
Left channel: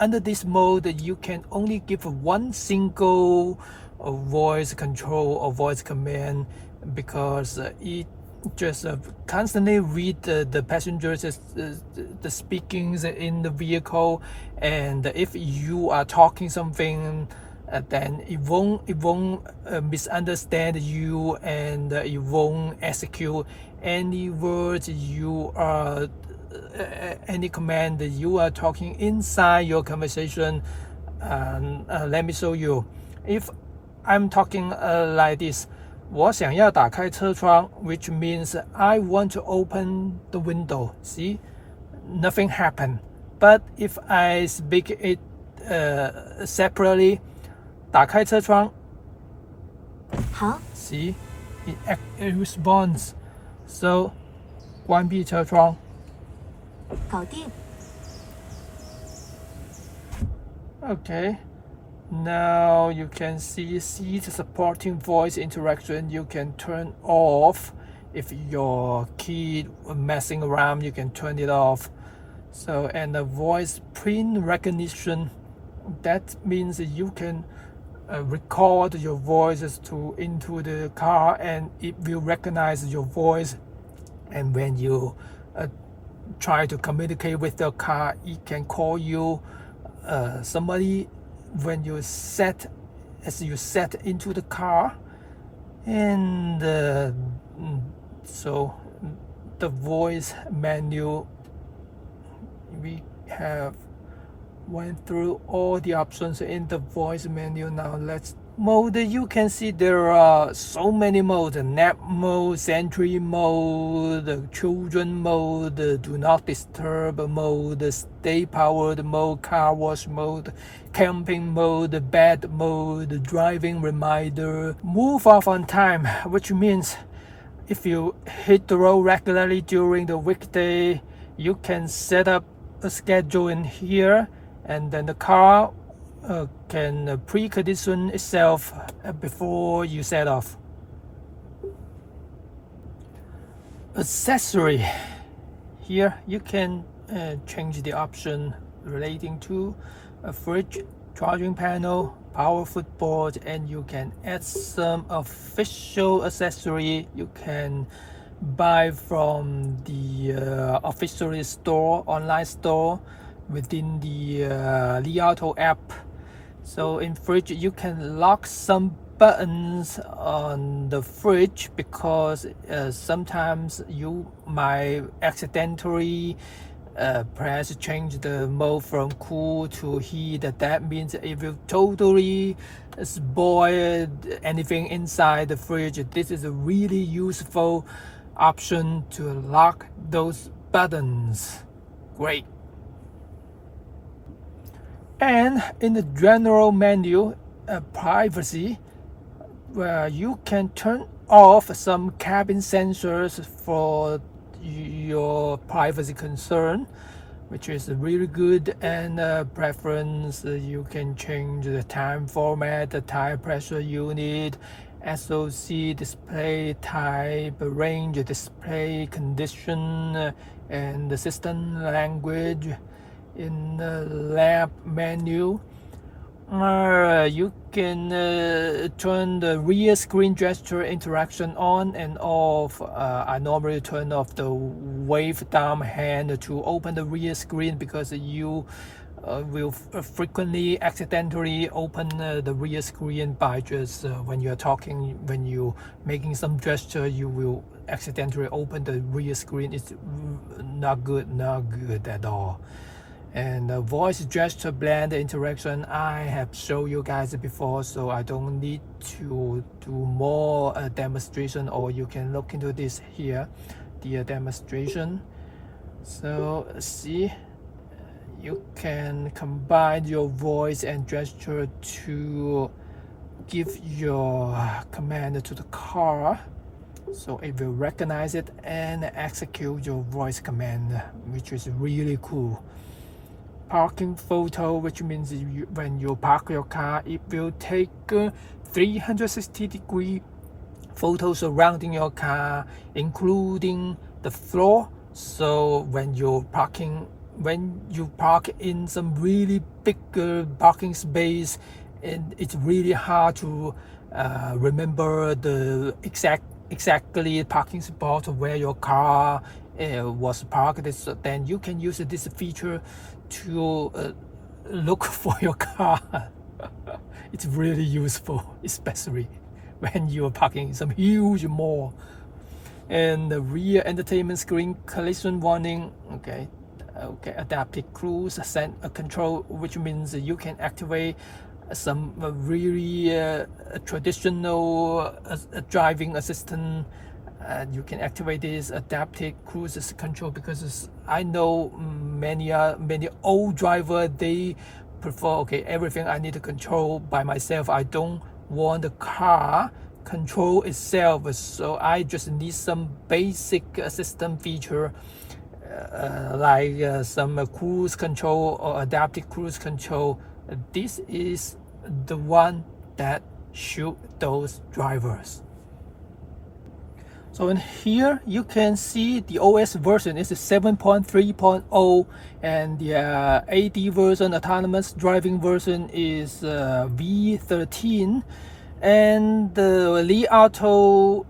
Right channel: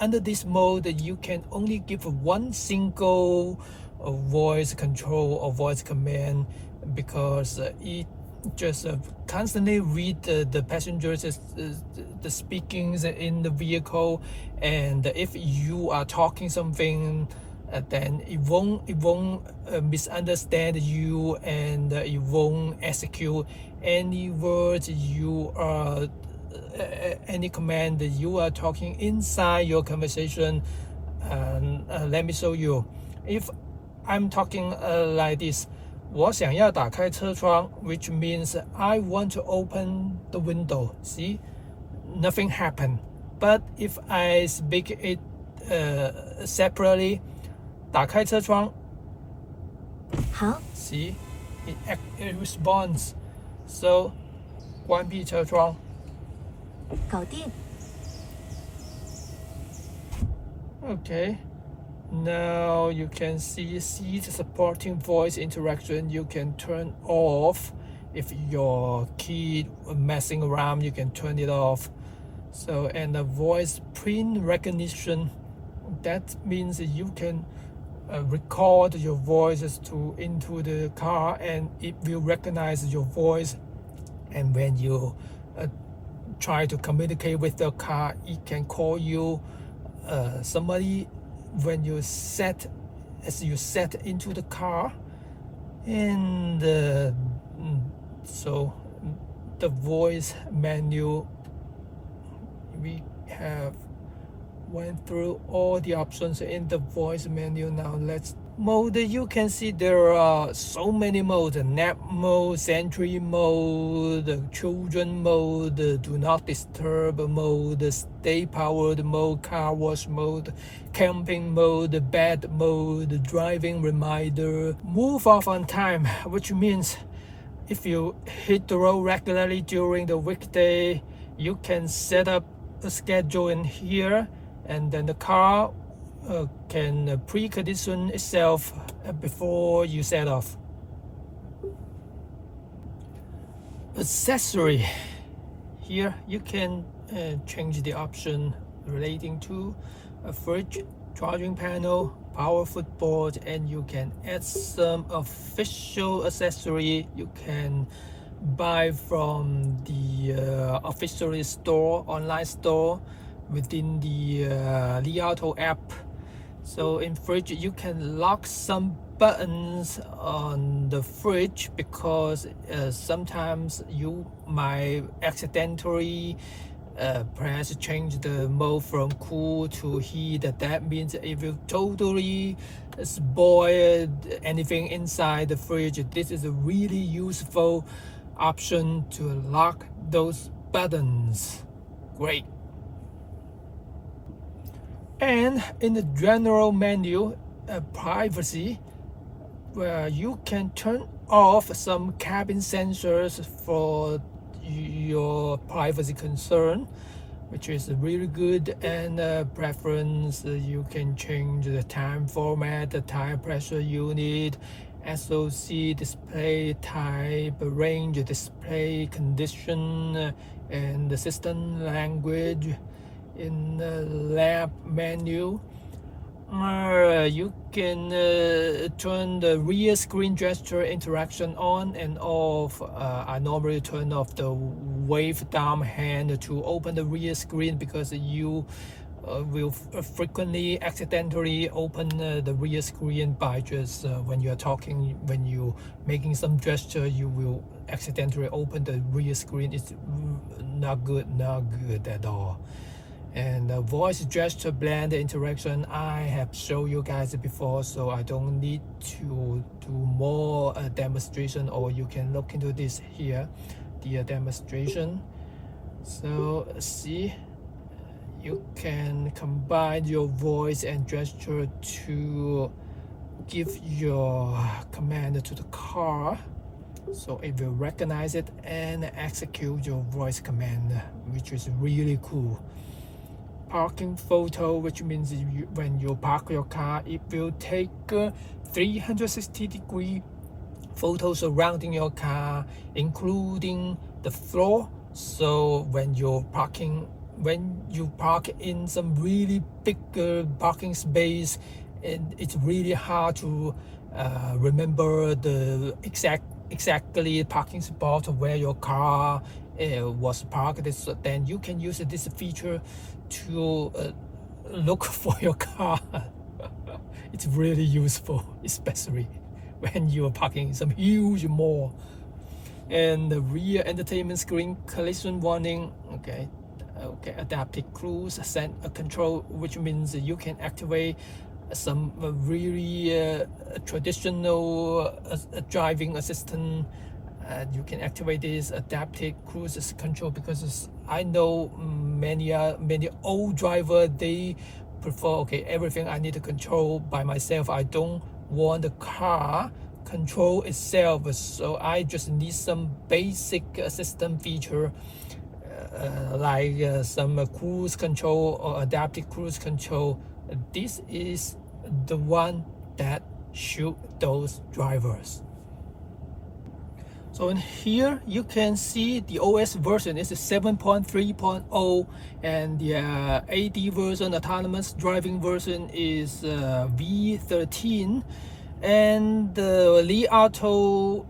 Under this mode, you can only give one single voice control or voice command, because it just constantly read the passengers the speakings in the vehicle, and if you are talking something, then it won't misunderstand you, and it won't execute any words you are any command that you are talking inside your conversation. Let me show you. If I'm talking like this, 我想要打开车窗, which means I want to open the window. See, nothing happened. But if I speak it separately, 打开车窗, 好， see, it responds. So, 关闭车窗. 搞定。 Okay. Now you can see seat supporting voice interaction. You can turn off. If your kid messing around, you can turn it off. So, and the voice print recognition, that means you can record your voices into the car, and it will recognize your voice. And when you try to communicate with the car, it can call you somebody when you set into the car. And so the voice menu, we have went through all the options in the voice menu. Now let's mode. You can see there are so many modes: nap mode, sentry mode, children mode, do not disturb mode, stay powered mode, car wash mode, camping mode, bed mode, driving reminder, move off on time, which means if you hit the road regularly during the weekday, you can set up a schedule in here, and then the car can precondition itself before you set off. Accessory. Here you can change the option relating to a fridge, charging panel, power footboard, and you can add some official accessory you can buy from the official store, online store, within the Li Auto app. So in fridge, you can lock some buttons on the fridge, because sometimes you might accidentally press change the mode from cool to heat. That means it will totally spoil anything inside the fridge. This is a really useful option to lock those buttons. Great. And in the general menu, privacy, where you can turn off some cabin sensors for your privacy concern, which is really good. And preference, you can change the time format, the tire pressure unit, SoC display type, range display condition, and the system language. In the lab menu, you can turn the rear screen gesture interaction on and off. I normally turn off the wave down hand to open the rear screen, because you will frequently accidentally open the rear screen by just when you're talking, when you're making some gesture, you will accidentally open the rear screen. It's not good at all. And the voice gesture blend interaction, I have shown you guys before, so I don't need to do more demonstration, or you can look into this here, the demonstration. So see, you can combine your voice and gesture to give your command to the car, so it will recognize it and execute your voice command, which is really cool. Parking photo, which means when you park your car, it will take 360-degree photos surrounding your car, including the floor, So when you park in some really big parking space, it's really hard to remember the exactly parking spot where your car was parked. So then you can use this feature to look for your car. It's really useful, especially when you're parking in some huge mall. And the rear entertainment screen collision warning. Okay, adaptive cruise control, which means you can activate some really traditional driving assistant, and you can activate this adaptive cruise control, because I know many old driver, they prefer, okay, everything I need to control by myself. I don't want the car control itself, so I just need some basic system feature, like some cruise control or adaptive cruise control. This is the one that suit those drivers. So in here you can see the OS version is 7.3.0, and the AD version, autonomous driving version, is V13. And Li Auto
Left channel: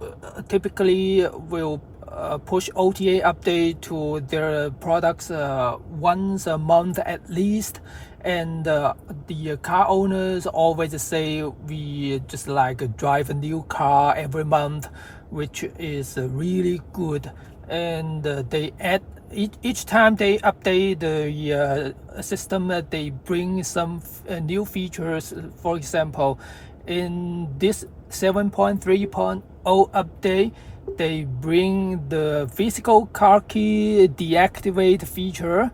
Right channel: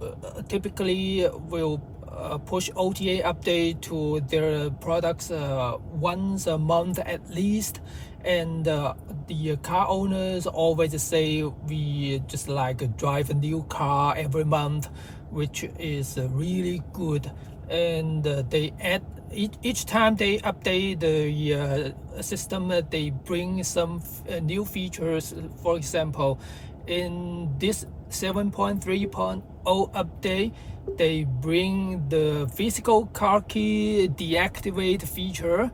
typically will push OTA update to their products once a month at least, and the car owners always say we just like drive a new car every month, which is really good. And they add each time they update the system, they bring some new features. For example, in this 7.3.0 update, they bring the physical car key deactivate feature,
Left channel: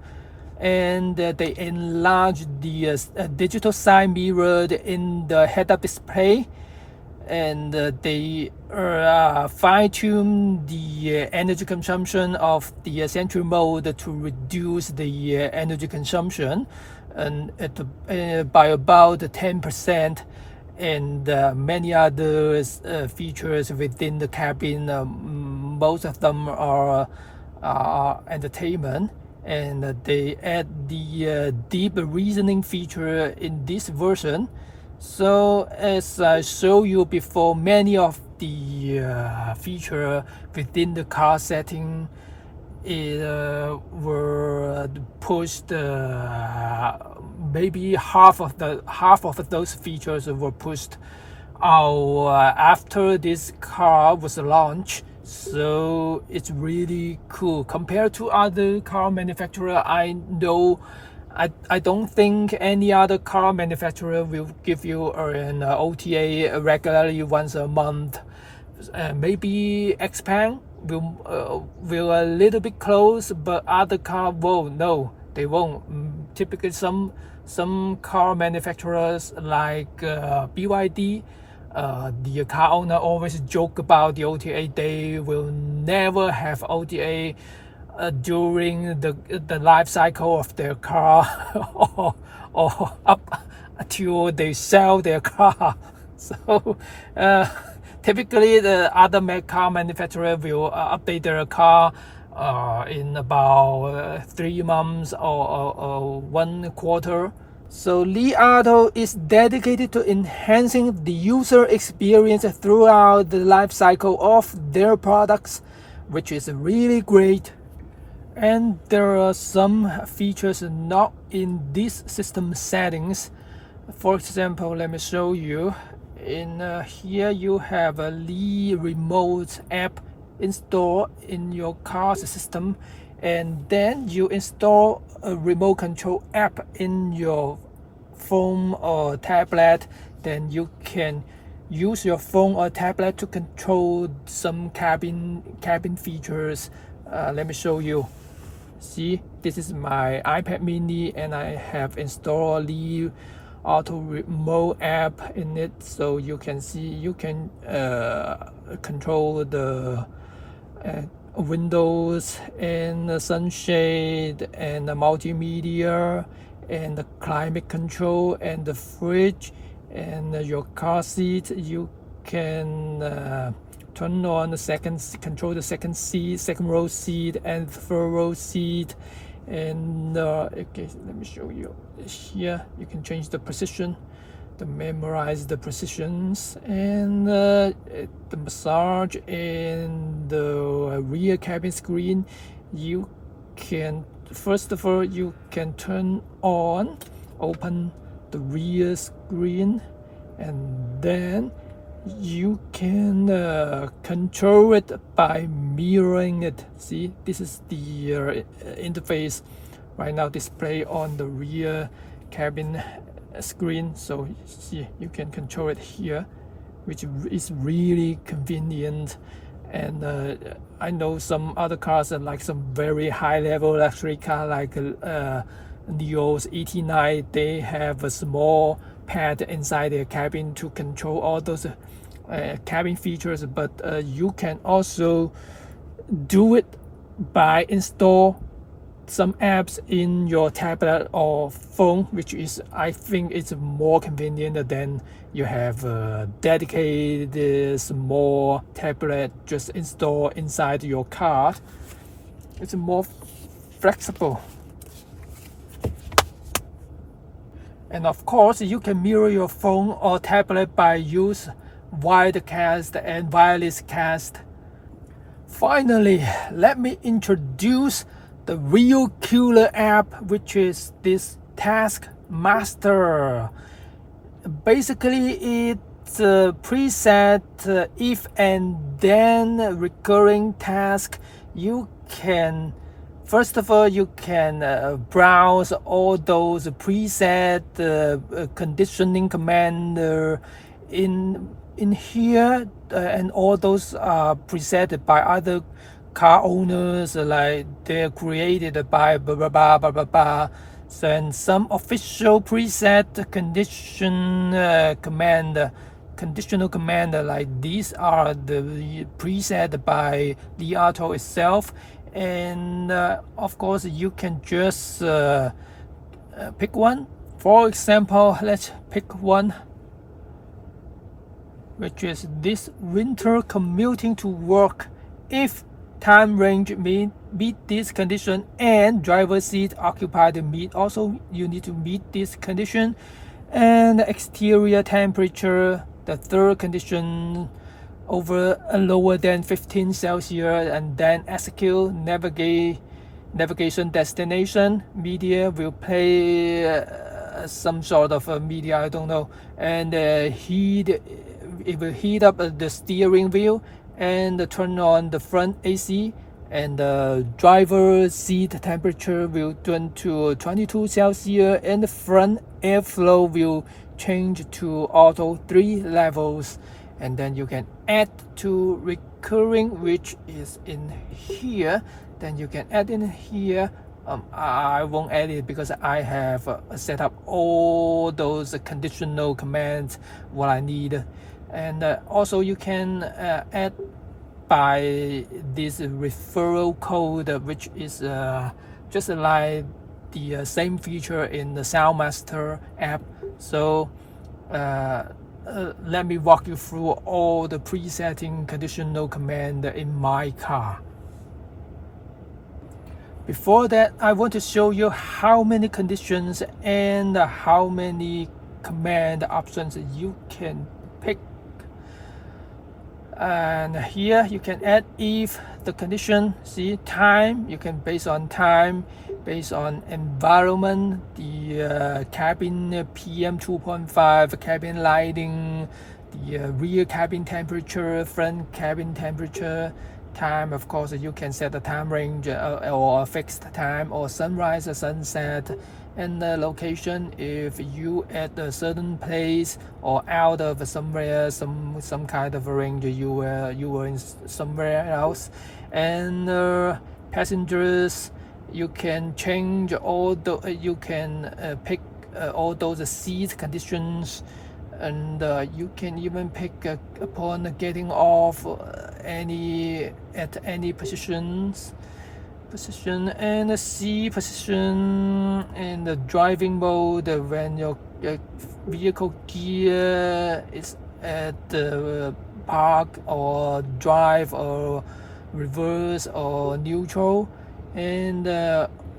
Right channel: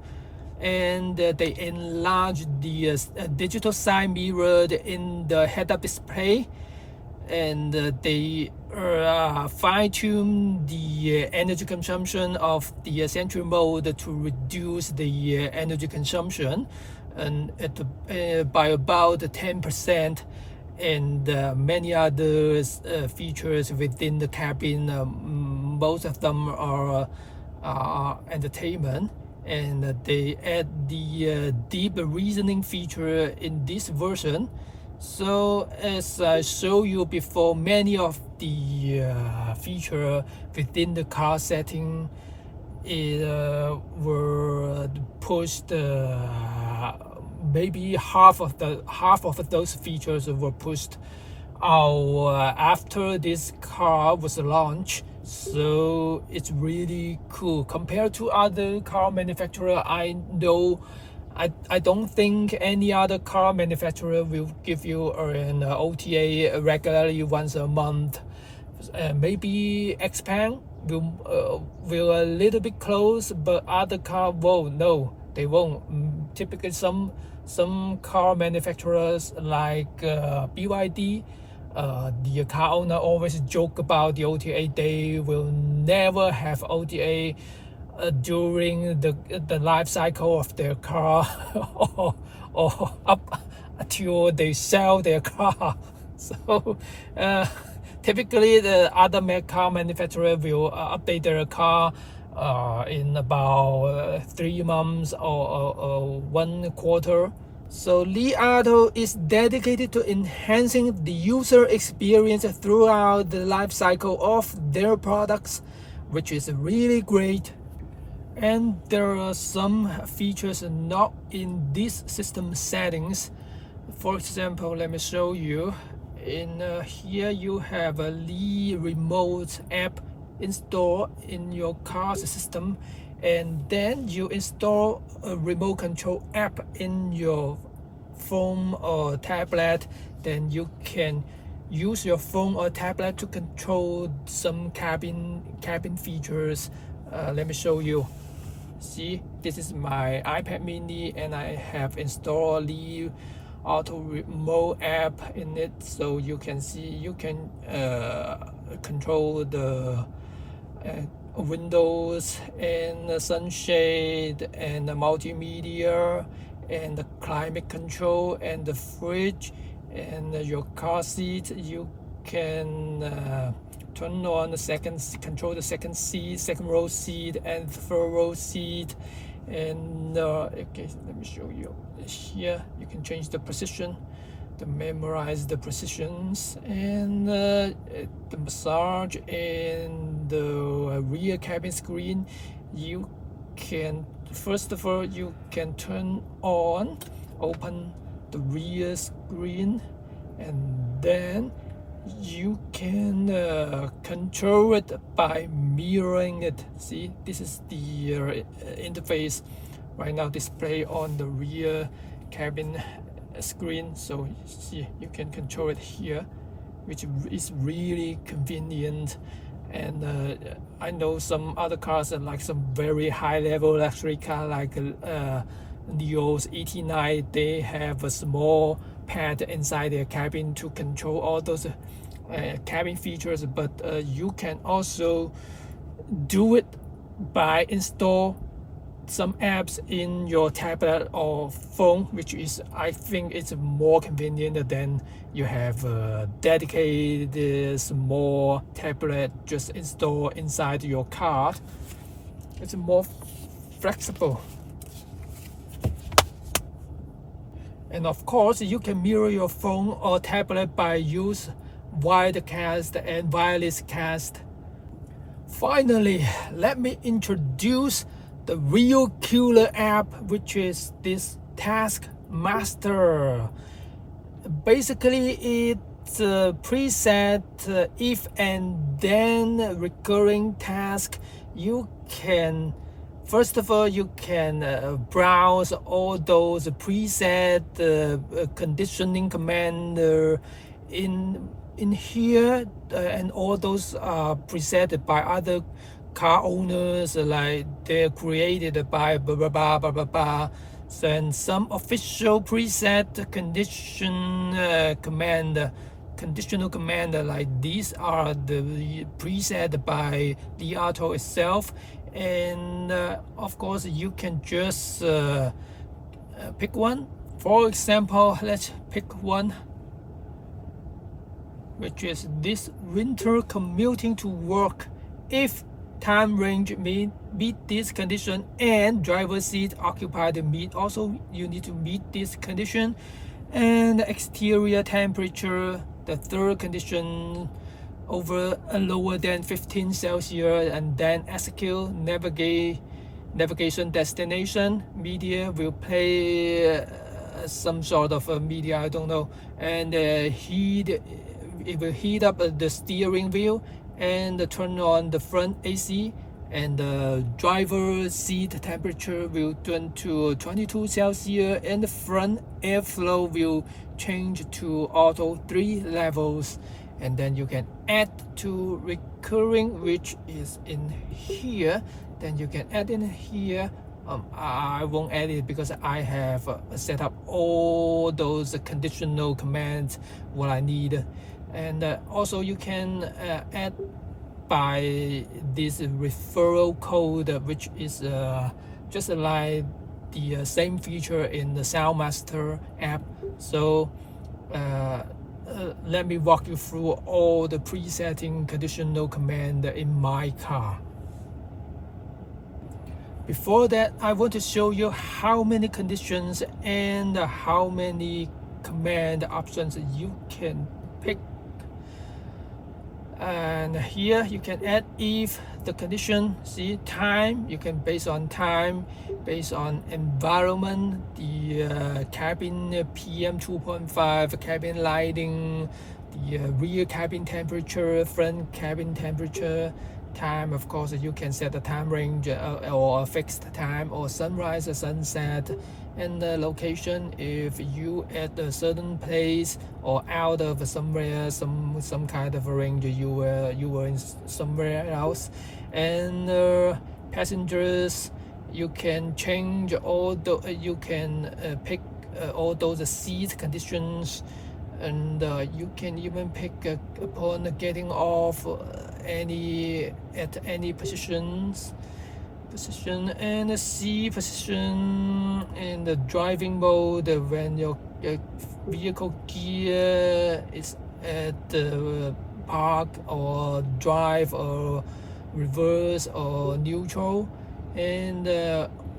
and they enlarge the digital side mirror in the head-up display, and they fine-tune the energy consumption of the Sentry mode to reduce the energy consumption, and by about 10%. And many other features within the cabin. Most of them are entertainment, and they add the deep reasoning feature in this version. So as I showed you before, many of the feature within the car setting were pushed. Maybe half of those features were pushed out after this car was launched. So it's really cool compared to other car manufacturer. I know I don't think any other car manufacturer will give you an OTA regularly once a month. Maybe Xpeng will a little bit close, but other car won't. No, they won't. Typically, some car manufacturers like BYD, the car owner always joke about the OTA. They will never have OTA during the life cycle of their car, or up until they sell their car. So typically the other car manufacturer will update their car in about 3 months or 1 quarter. So Li Auto is dedicated to enhancing the user experience throughout the life cycle of their products, which is really great. And there are some features not in this system settings. For example, let me show you. In here you have a Li Remote app installed in your car's system, and then you install a remote control app in your phone or tablet. Then you can use your phone or tablet to control some cabin features. Let me show you. See, this is my iPad mini, and I have installed the auto remote app in it, so you can see you can control the windows and the sunshade and the multimedia and the climate control and the fridge and your car seat. You can turn on the control the second row seat and third row seat. And okay, let me show you here. You can change the position to memorize the positions, and the massage and the rear cabin screen. You can, first of all, you can open the rear screen, and then you can control it by mirroring it. See, this is the interface right now display on the rear cabin screen. So see, you can control it here, which is really convenient. And I know some other cars, like some very high level luxury car like Neo's 89, they have a small pad inside their cabin to control all those cabin features. But you can also do it by install some apps in your tablet or phone, which is, I think it's more convenient than you have a dedicated small tablet just install inside your car. It's more flexible. And of course, you can mirror your phone or tablet by use widecast and wireless cast. Finally, let me introduce the real killer app, which is this Task Master. Basically, it's a preset if and then recurring task. You can, first of all, you can browse all those preset conditioning command in here, and all those are preset by other car owners, like they're created by blah blah blah blah blah blah. And some official preset conditional command like these are the preset by Li Auto itself. And of course, you can just pick one. For example, let's pick one, which is this: winter commuting to work. If time range meet this condition and driver seat occupied meet, also you need to meet this condition. And exterior temperature, the third condition, over lower than 15 Celsius, and then execute navigation destination. Media will play some sort of media, I don't know. And it will heat up the steering wheel and turn on the front AC, and the driver seat temperature will turn to 22 Celsius, and the front airflow will change to auto 3 levels. And then you can add to recurring, which is in here. Then you can add in here. I won't add it because I have set up all those conditional commands what I need. And also you can add by this referral code, which is just like the same feature in the Soundmaster app. So let me walk you through all the presetting conditional command in my car. Before that, I want to show you how many conditions and how many command options you can pick. And here you can add if the condition, see, time, you can base on time, based on environment, the cabin PM 2.5, cabin lighting, the rear cabin temperature, front cabin temperature. Time, of course, you can set a time range or a fixed time, or sunrise or sunset. And the location, if you at a certain place or out of somewhere, some kind of range, you were in somewhere else. And passengers, you can change all the you can pick all those seat conditions, and you can even pick upon getting off at any position, and the C position, and the driving mode when your vehicle gear is at the park or drive or reverse or neutral, and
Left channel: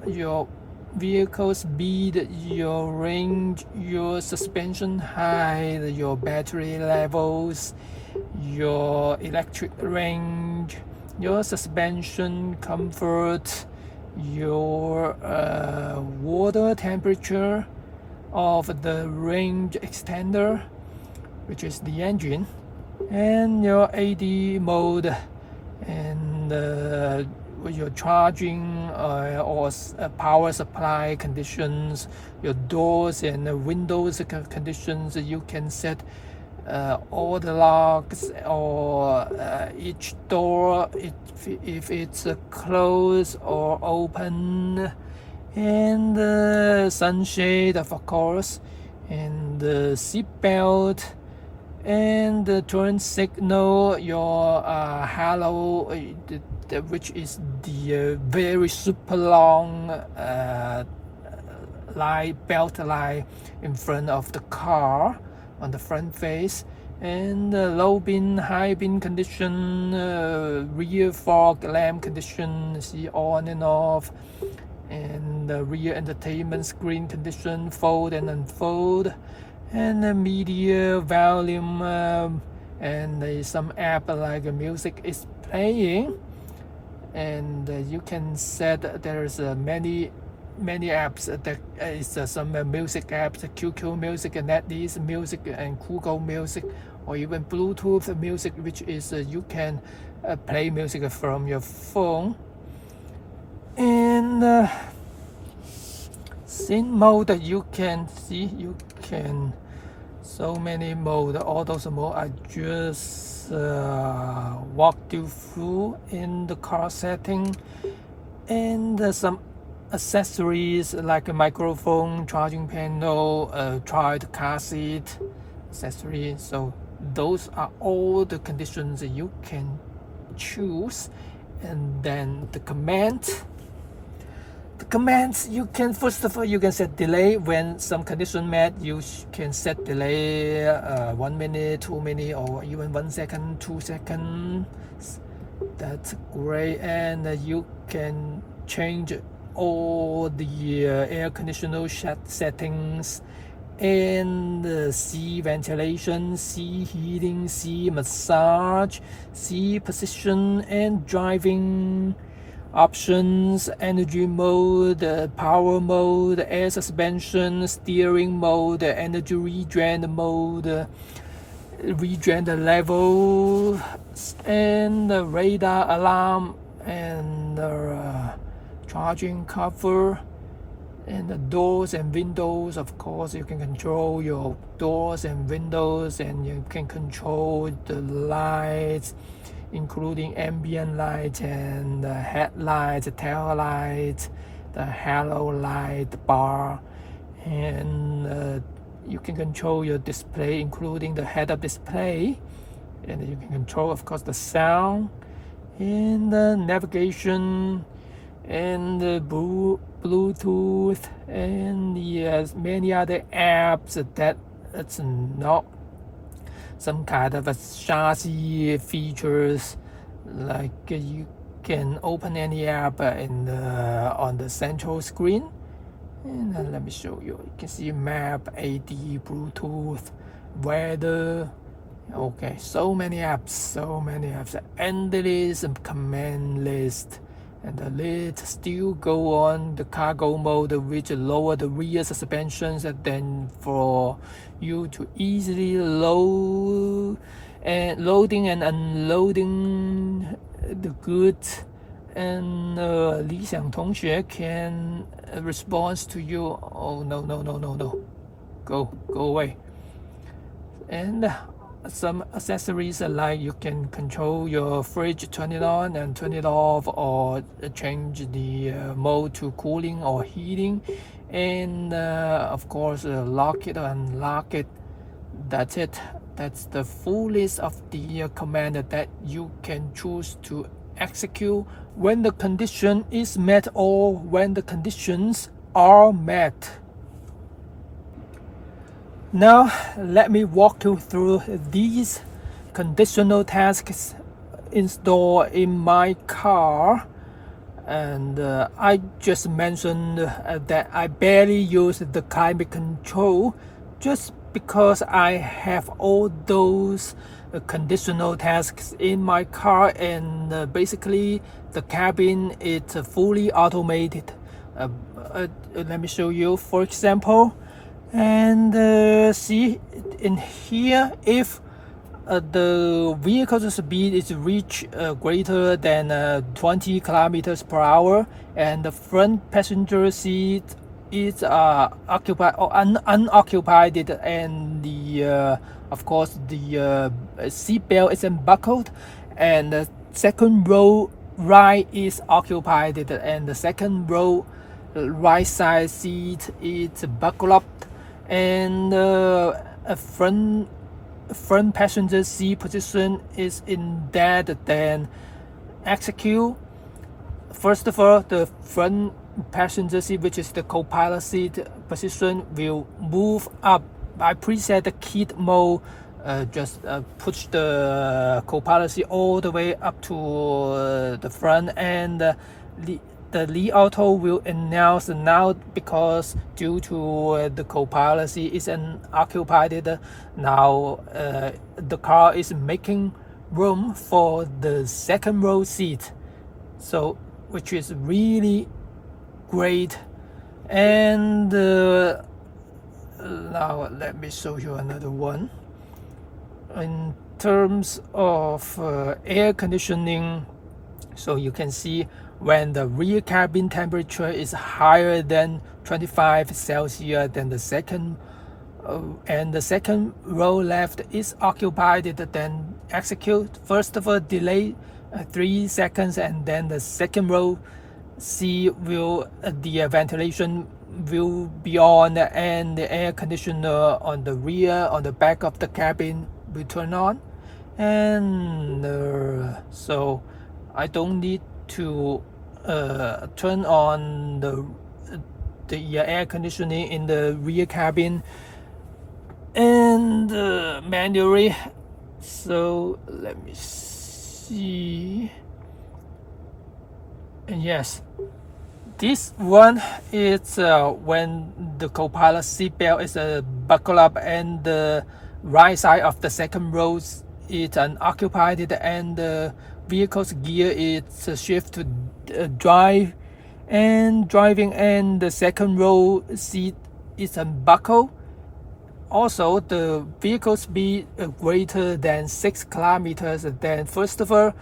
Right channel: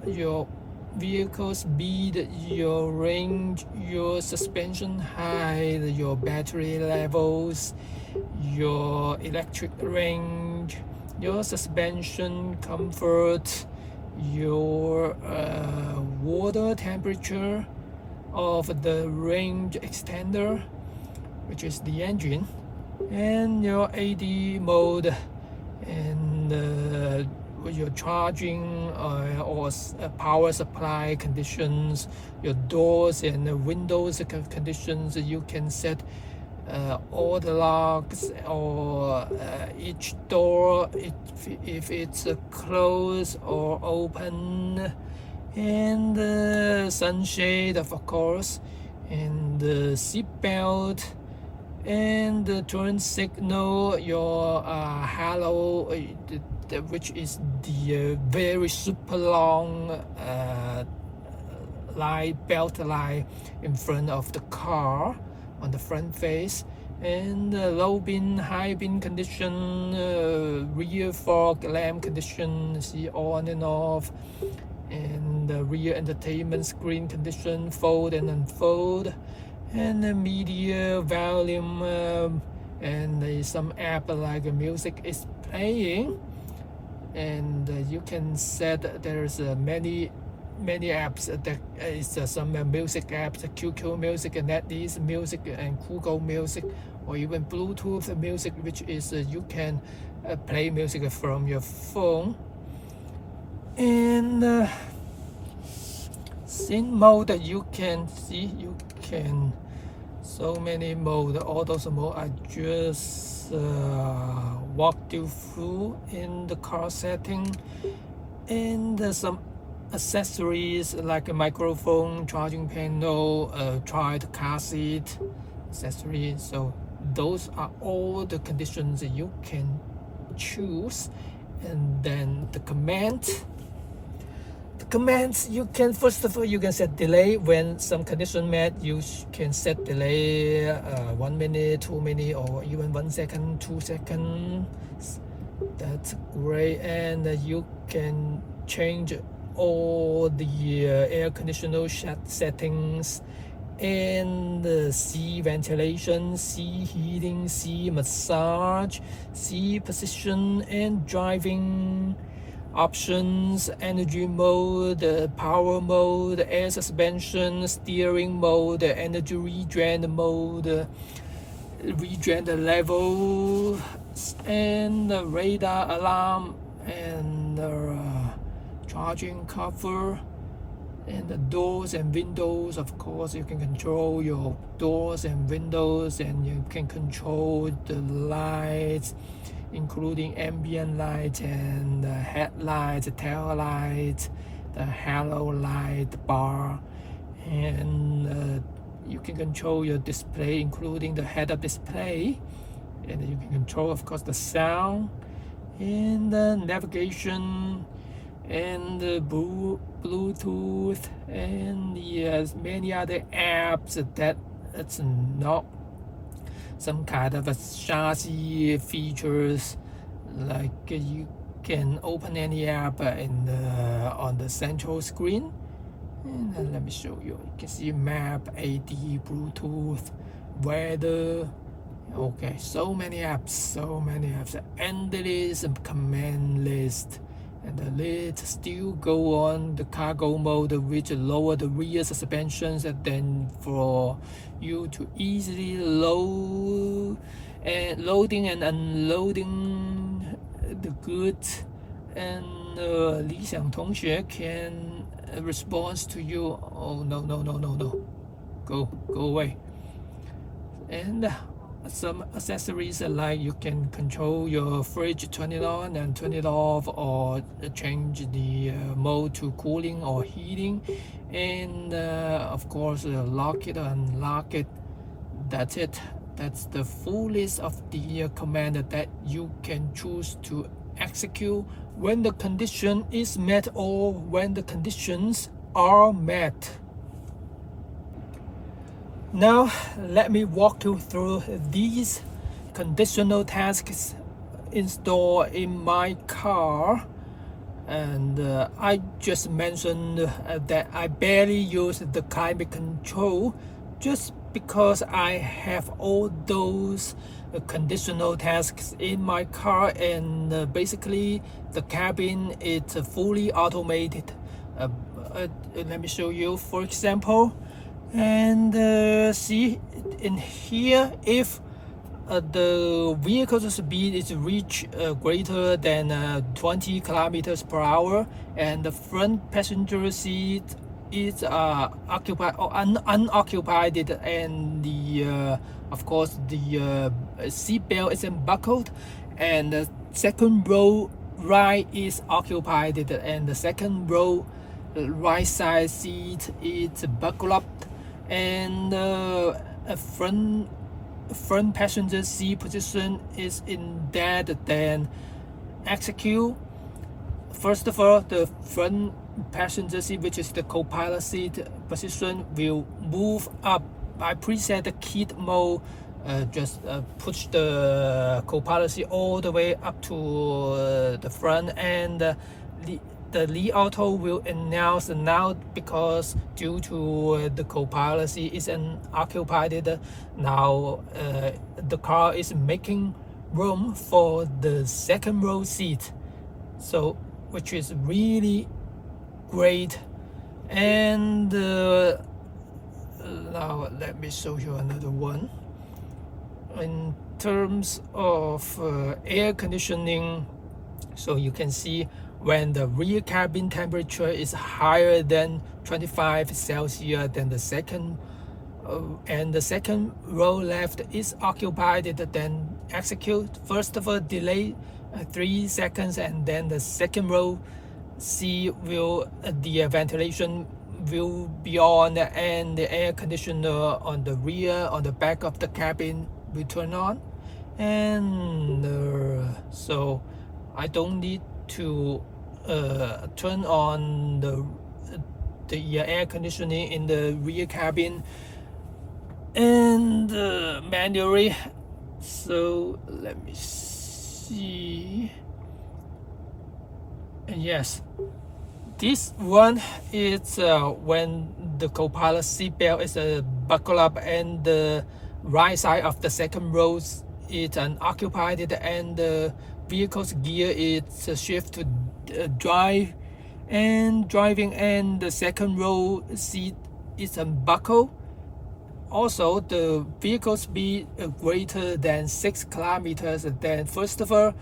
your vehicle speed, your range, your suspension height, your battery levels, your electric range, your suspension comfort, your water temperature of the range extender, which is the engine, and your AD mode, and your charging or power supply conditions, your doors and windows conditions. You can set all the locks or each door if it's closed or open, and the sunshade of course, and the seat belt, and the turn signal, your halo, which is the very super long belt light in front of the car on the front face, and low beam, high beam condition, rear fog lamp condition, see on and off, and the rear entertainment screen condition, fold and unfold, and the media volume, and some app like music is playing, and you can set there's many apps that is some music apps, QQ Music, NetEase Music, and Google Music, or even Bluetooth music, which is you can play music from your phone. And scene mode, you can see, you can so many mode, all those mode I just walked you through in the car setting, and some accessories like a microphone, charging panel, child car seat accessory. So those are all the conditions you can choose. And then the commands, you can, first of all, you can set delay. When some condition met, you can set delay 1 minute, 2 minutes, or even 1 second, 2 seconds. That's great. And you can change all the air conditioner settings, and sea ventilation, sea heating, sea massage, sea position, and driving options, energy mode, power mode, air suspension, steering mode, energy regen mode, regen level, and the radar alarm, and charging cover, and the doors and windows. Of course, you can control your doors and windows, and you can control the lights, including ambient light, and the headlights, the tail lights, the halo light bar, and you can control your display, including the head-up display, and you can control, of course, the sound, and the navigation, and the Bluetooth, and yes, many other apps that it's not some kind of a chassis features, like you can open any app on the central screen. And let me show you. You can see map, AD, Bluetooth, weather. Okay, so many apps, endless command list. And the list still go on. The cargo mode, which lower the rear suspensions, and then for you to easily loading and unloading the goods. And Li Xiang 同学 can respond to you. Oh no, go away. And some accessories like you can control your fridge, turn it on and turn it off, or change the mode to cooling or heating, and of course lock it or unlock it. That's it. That's the full list of the command that you can choose to execute when the condition is met or when the conditions are met. Now let me walk you through these conditional tasks installed in my car, and I just mentioned that I barely use the climate control just because I have all those conditional tasks in my car, and basically the cabin is fully automated. uh, Let me show you, for example, and see in here, if the vehicle's speed is reach greater than 20 kilometers per hour, and the front passenger seat is occupied or unoccupied, and the of course the seat belt is unbuckled, and the second row right is occupied, and the second row right side seat is buckled up, and a front passenger seat position is in that, then execute. First of all, the front passenger seat, which is the co-pilot seat position, will move up. I preset the kit mode. Just push the co-pilot seat all the way up to the front, and the Li Auto will announce now, because due to the co-pilot seat is unoccupied, now the car is making room for the second row seat, so which is really great. And now let me show you another one. In terms of air conditioning, so you can see when the rear cabin temperature is higher than 25 Celsius, then the second and the second row left is occupied, then execute. First of all, delay 3 seconds, and then the second row C will the ventilation will be on, and the air conditioner on the rear, on the back of the cabin, will turn on. And so I don't need to turn on the air conditioning in the rear cabin and manually. So let me see. And yes, this one is when the co-pilot seatbelt is buckled up, and the right side of the second row is unoccupied, and the vehicle's gear is shift to drive and driving, and the second row seat is unbuckled. Also, the vehicle speed greater than 6 kilometers, then first of all,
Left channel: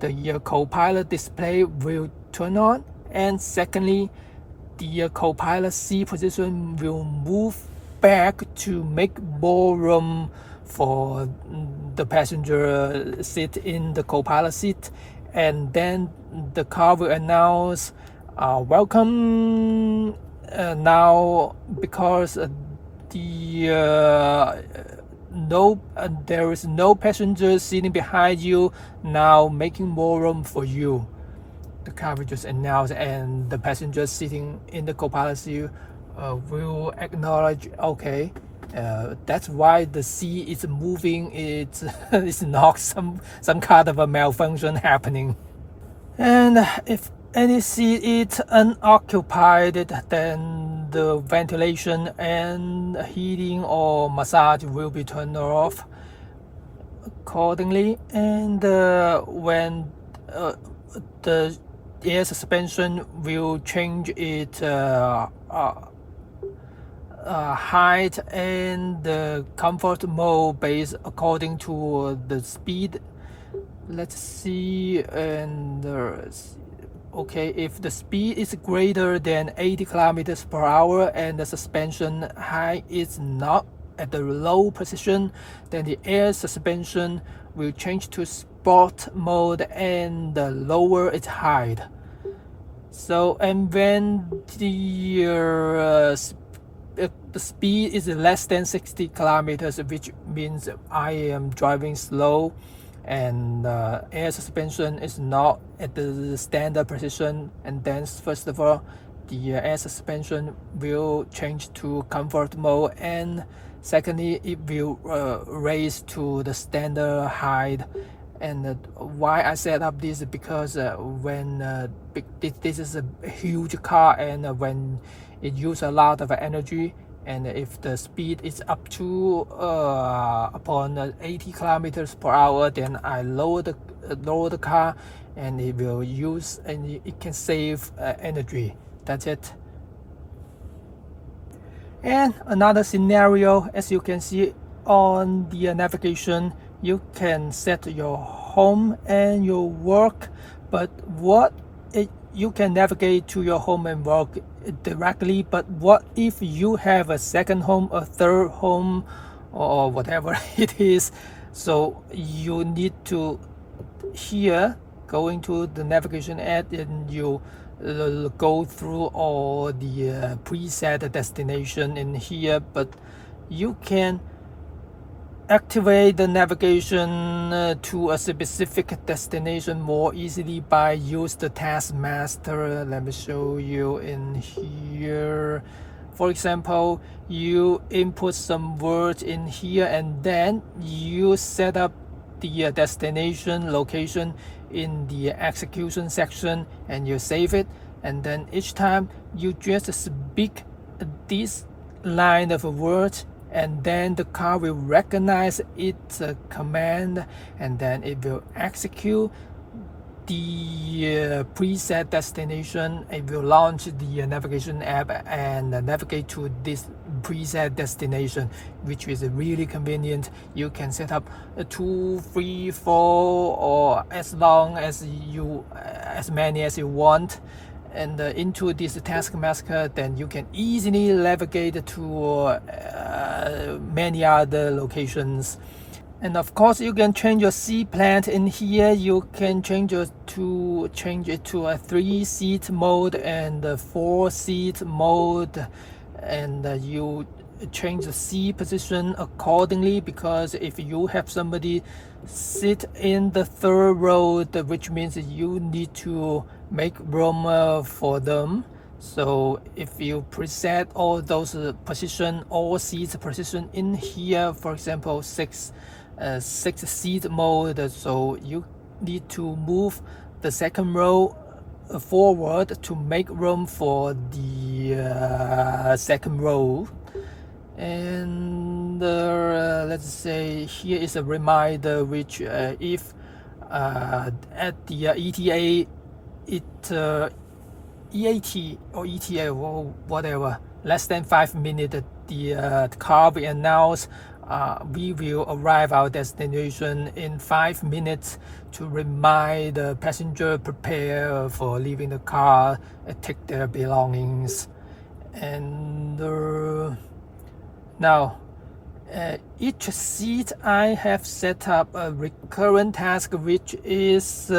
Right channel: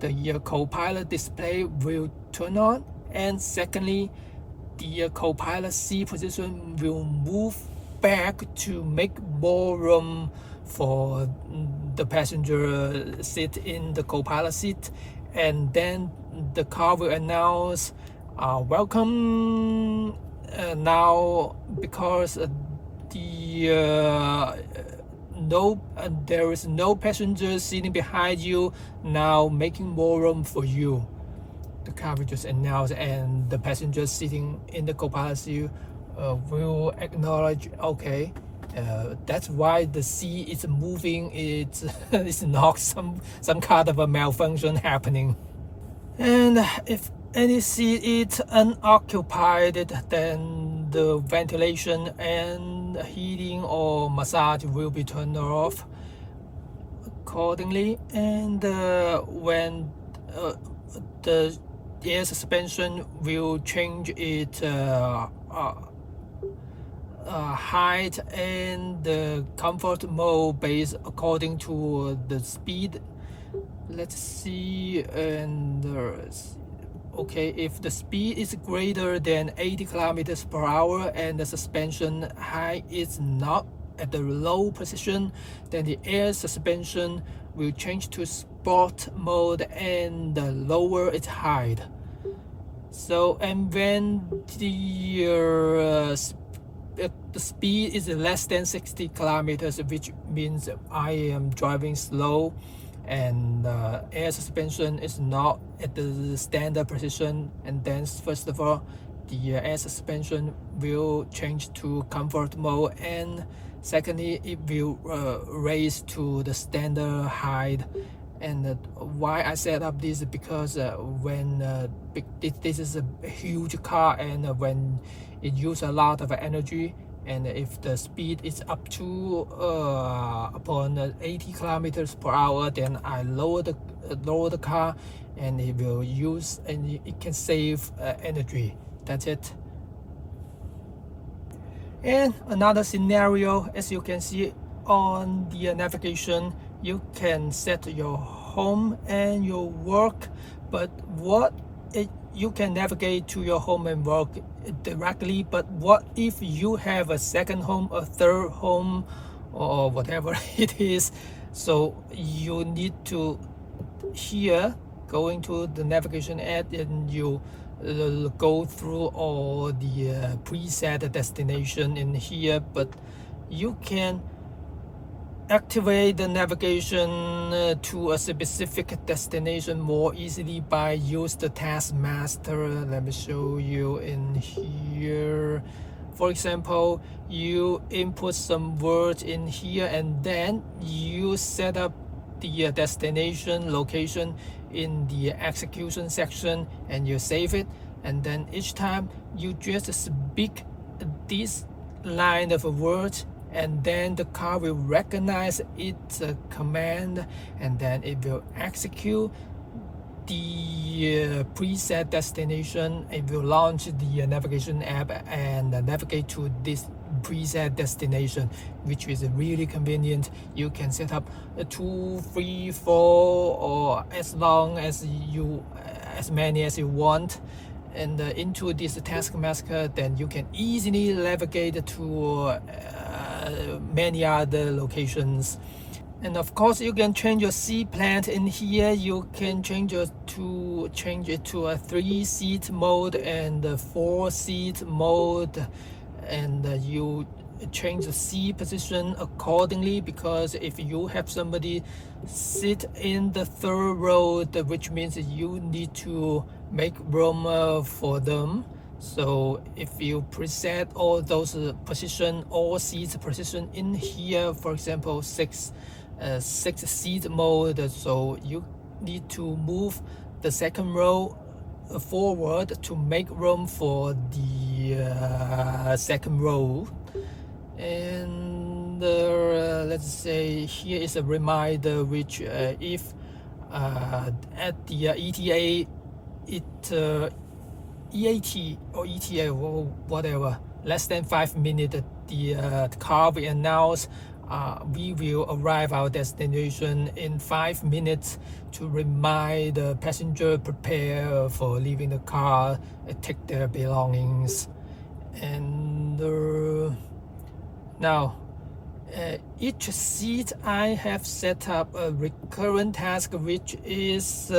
the co-pilot display will turn on, and secondly, the co-pilot seat position will move back to make more room for the passenger seat in the co-pilot seat, and then the car will announce welcome now, because there is no passenger sitting behind you, now making more room for you. The car will just announce, and the passenger sitting in the co-pilot seat will acknowledge, okay, that's why the seat is moving. It's not some kind of a malfunction happening. And if any seat is unoccupied, then the ventilation and heating or massage will be turned off accordingly. And when the air suspension will change its height and the comfort mode based according to the speed. Let's see, and okay, if the speed is greater than 80 kilometers per hour and the suspension height is not at the low position, then the air suspension will change to sport mode and lower its height. So, and when the speed is less than 60 kilometers, which means I am driving slow, and air suspension is not at the standard position, and then first of all, the air suspension will change to comfort mode, and Secondly, it will raise to the standard height. And why I set up this is because when this is a huge car, and when it uses a lot of energy, and if the speed is up to upon 80 kilometers per hour, then I lower the car, and it will use, and it can save energy. That's it. And another scenario, as you can see on the navigation, you can set your home and your work, but you can navigate to your home and work directly, but what if you have a second home, a third home, or whatever it is? So you need to here going to the navigation app, and you go through all the preset destination in here, but you can activate the navigation to a specific destination more easily by use the taskmaster. Let me show you in here. For example, you input some words in here, and then you set up the destination location in the execution section, and you save it, and then each time you just speak this line of words, and then the car will recognize its command, and then it will execute the preset destination. It will launch the navigation app and navigate to this preset destination, which is really convenient. You can set up 2, 3, 4, or as long as as many as you want, and into this taskmaster, then you can easily navigate to many other locations. And of course, you can change your seat plan in here. You can change it to a 3-seat mode and a 4-seat mode, and you change the seat position accordingly, because if you have somebody sit in the third row, which means you need to make room for them. So if you preset all those all seats position in here, for example 6-seat mode, so you need to move the second row forward to make room for the second row. And let's say here is a reminder, which if at the ETA EAT or ETA or whatever, less than 5 minutes, the car will announce we will arrive our destination in 5 minutes, to remind the passenger prepare for leaving the car and take their belongings. And now each seat I have set up a recurrent task, which is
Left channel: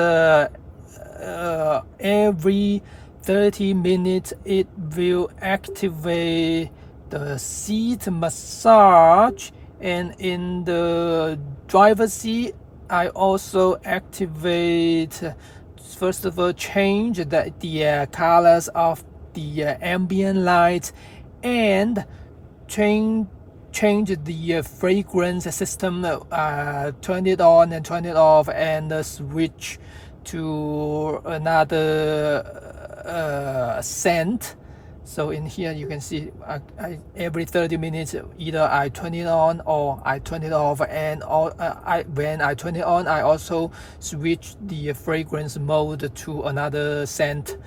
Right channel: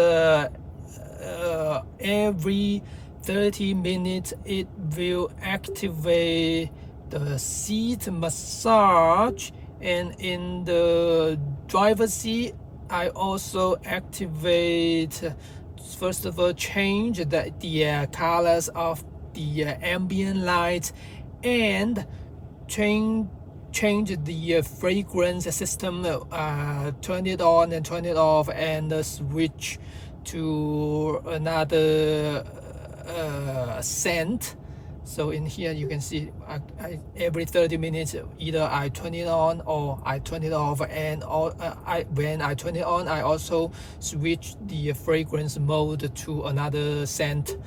every 30 minutes it will activate the seat massage. And in the driver's seat, I also activate, first of all, change the colors of the ambient lights, and change the fragrance system, turn it on and turn it off, and switch to another scent. So in here you can see every 30 minutes either I turn it on or I turn it off, and when I turn it on, I also switch the fragrance mode to another scent.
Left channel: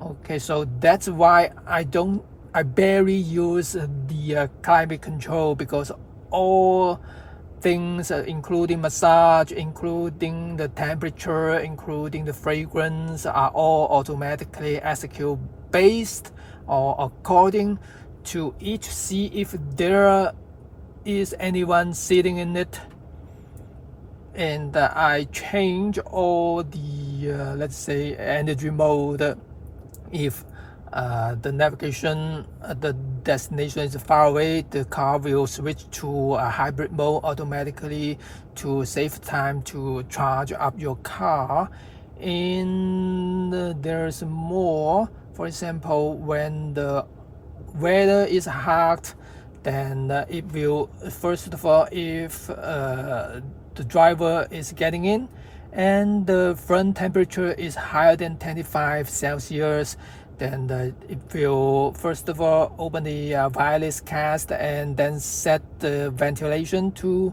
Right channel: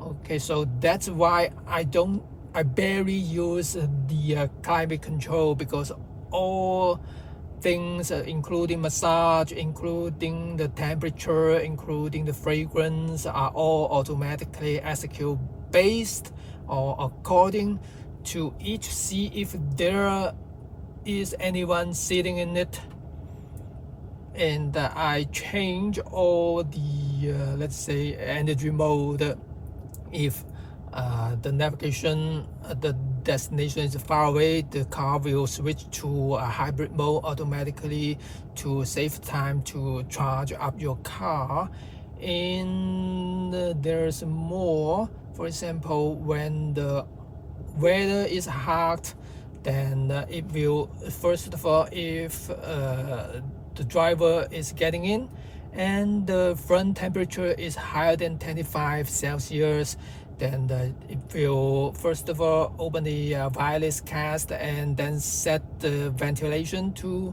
Okay, so that's why I barely use the climate control, because all things including massage, including the temperature, including the fragrance, are all automatically executed based or according to each seat, if there is anyone sitting in it. And I change all the let's say energy mode if the navigation, the destination is far away. The car will switch to a hybrid mode automatically to save time to charge up your car. And there's more. For example, when the weather is hot, then it will, first of all, if the driver is getting in and the front temperature is higher than 25 Celsius, then it will first of all open the wireless cast and then set the ventilation to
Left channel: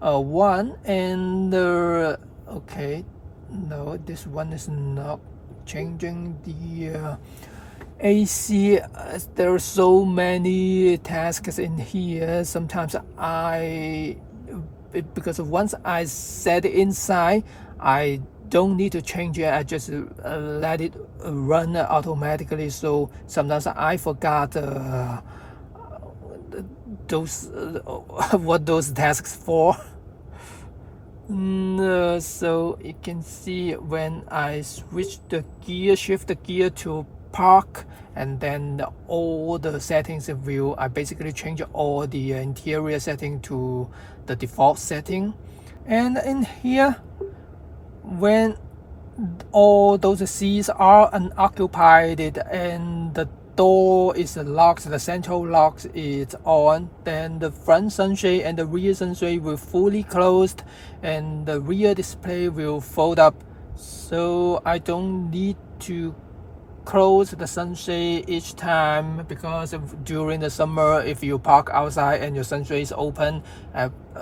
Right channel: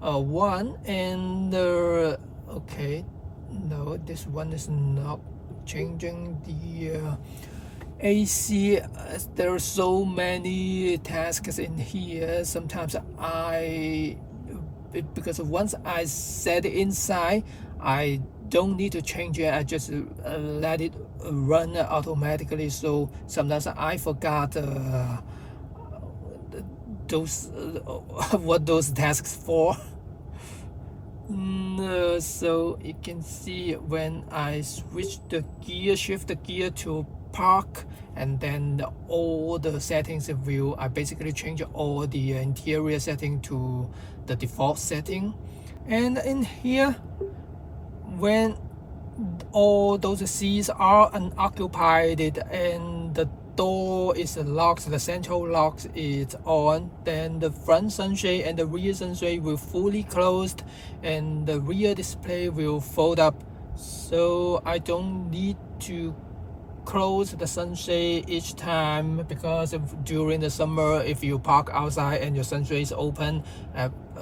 1. And okay, no, this one is not changing the AC. There are so many tasks in here. Sometimes because once I set it inside, I don't need to change it. I just let it run automatically. So sometimes I forgot those what those tasks for. So you can see when I shift the gear to park, and then all the settings will, I basically change all the interior setting to the default setting. And in here, when all those seats are unoccupied and the door is locked, the central lock is on, then the front sunshade and the rear sunshade will fully closed and the rear display will fold up, so I don't need to close the sunshade each time, because during the summer, if you park outside and your sunshade is open,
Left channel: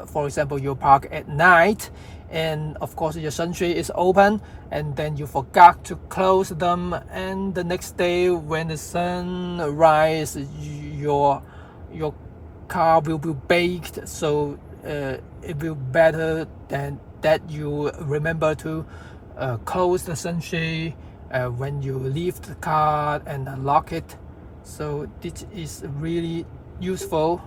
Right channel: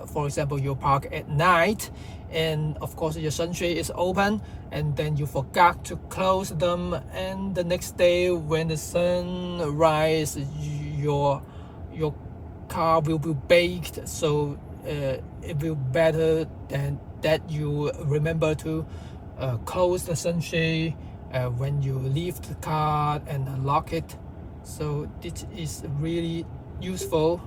for example, you park at night and of course your sunshade is open and then you forgot to close them, and the next day when the sun rises, your car will be baked. So it will better than that you remember to close the sunshade when you leave the car and lock it. So this is really useful.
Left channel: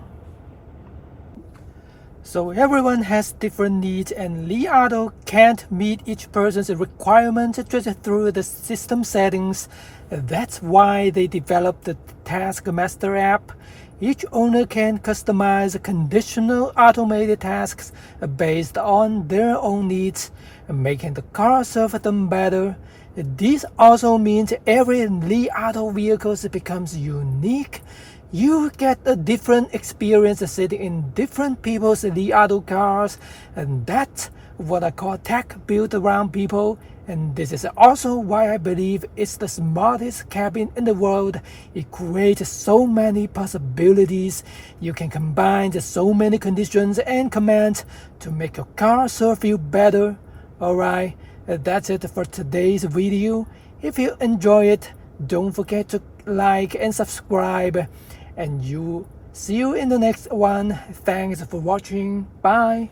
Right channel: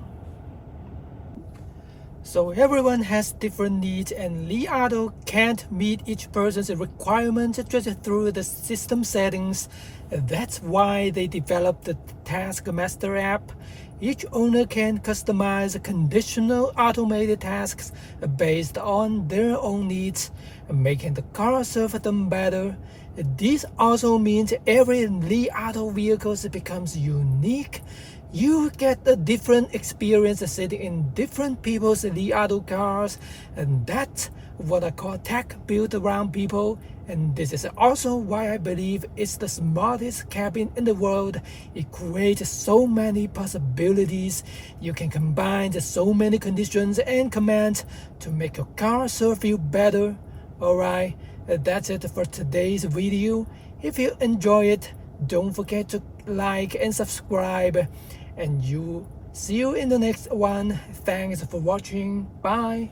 So everyone has different needs, and Li Auto can't meet each person's requirements just through the system settings. That's why they developed the Task Master app. Each owner can customize conditional automated tasks based on their own needs, making the car serve them better. This also means every Li Auto vehicle becomes unique. You get a different experience sitting in different people's Li Auto cars, and that's what I call tech built around people. And this is also why I believe it's the smartest cabin in the world. It creates so many possibilities. You can combine so many conditions and commands to make your car serve you better. Alright, that's it for today's video. If you enjoy it, don't forget to like and subscribe. And see you in the next one. Thanks for watching. Bye.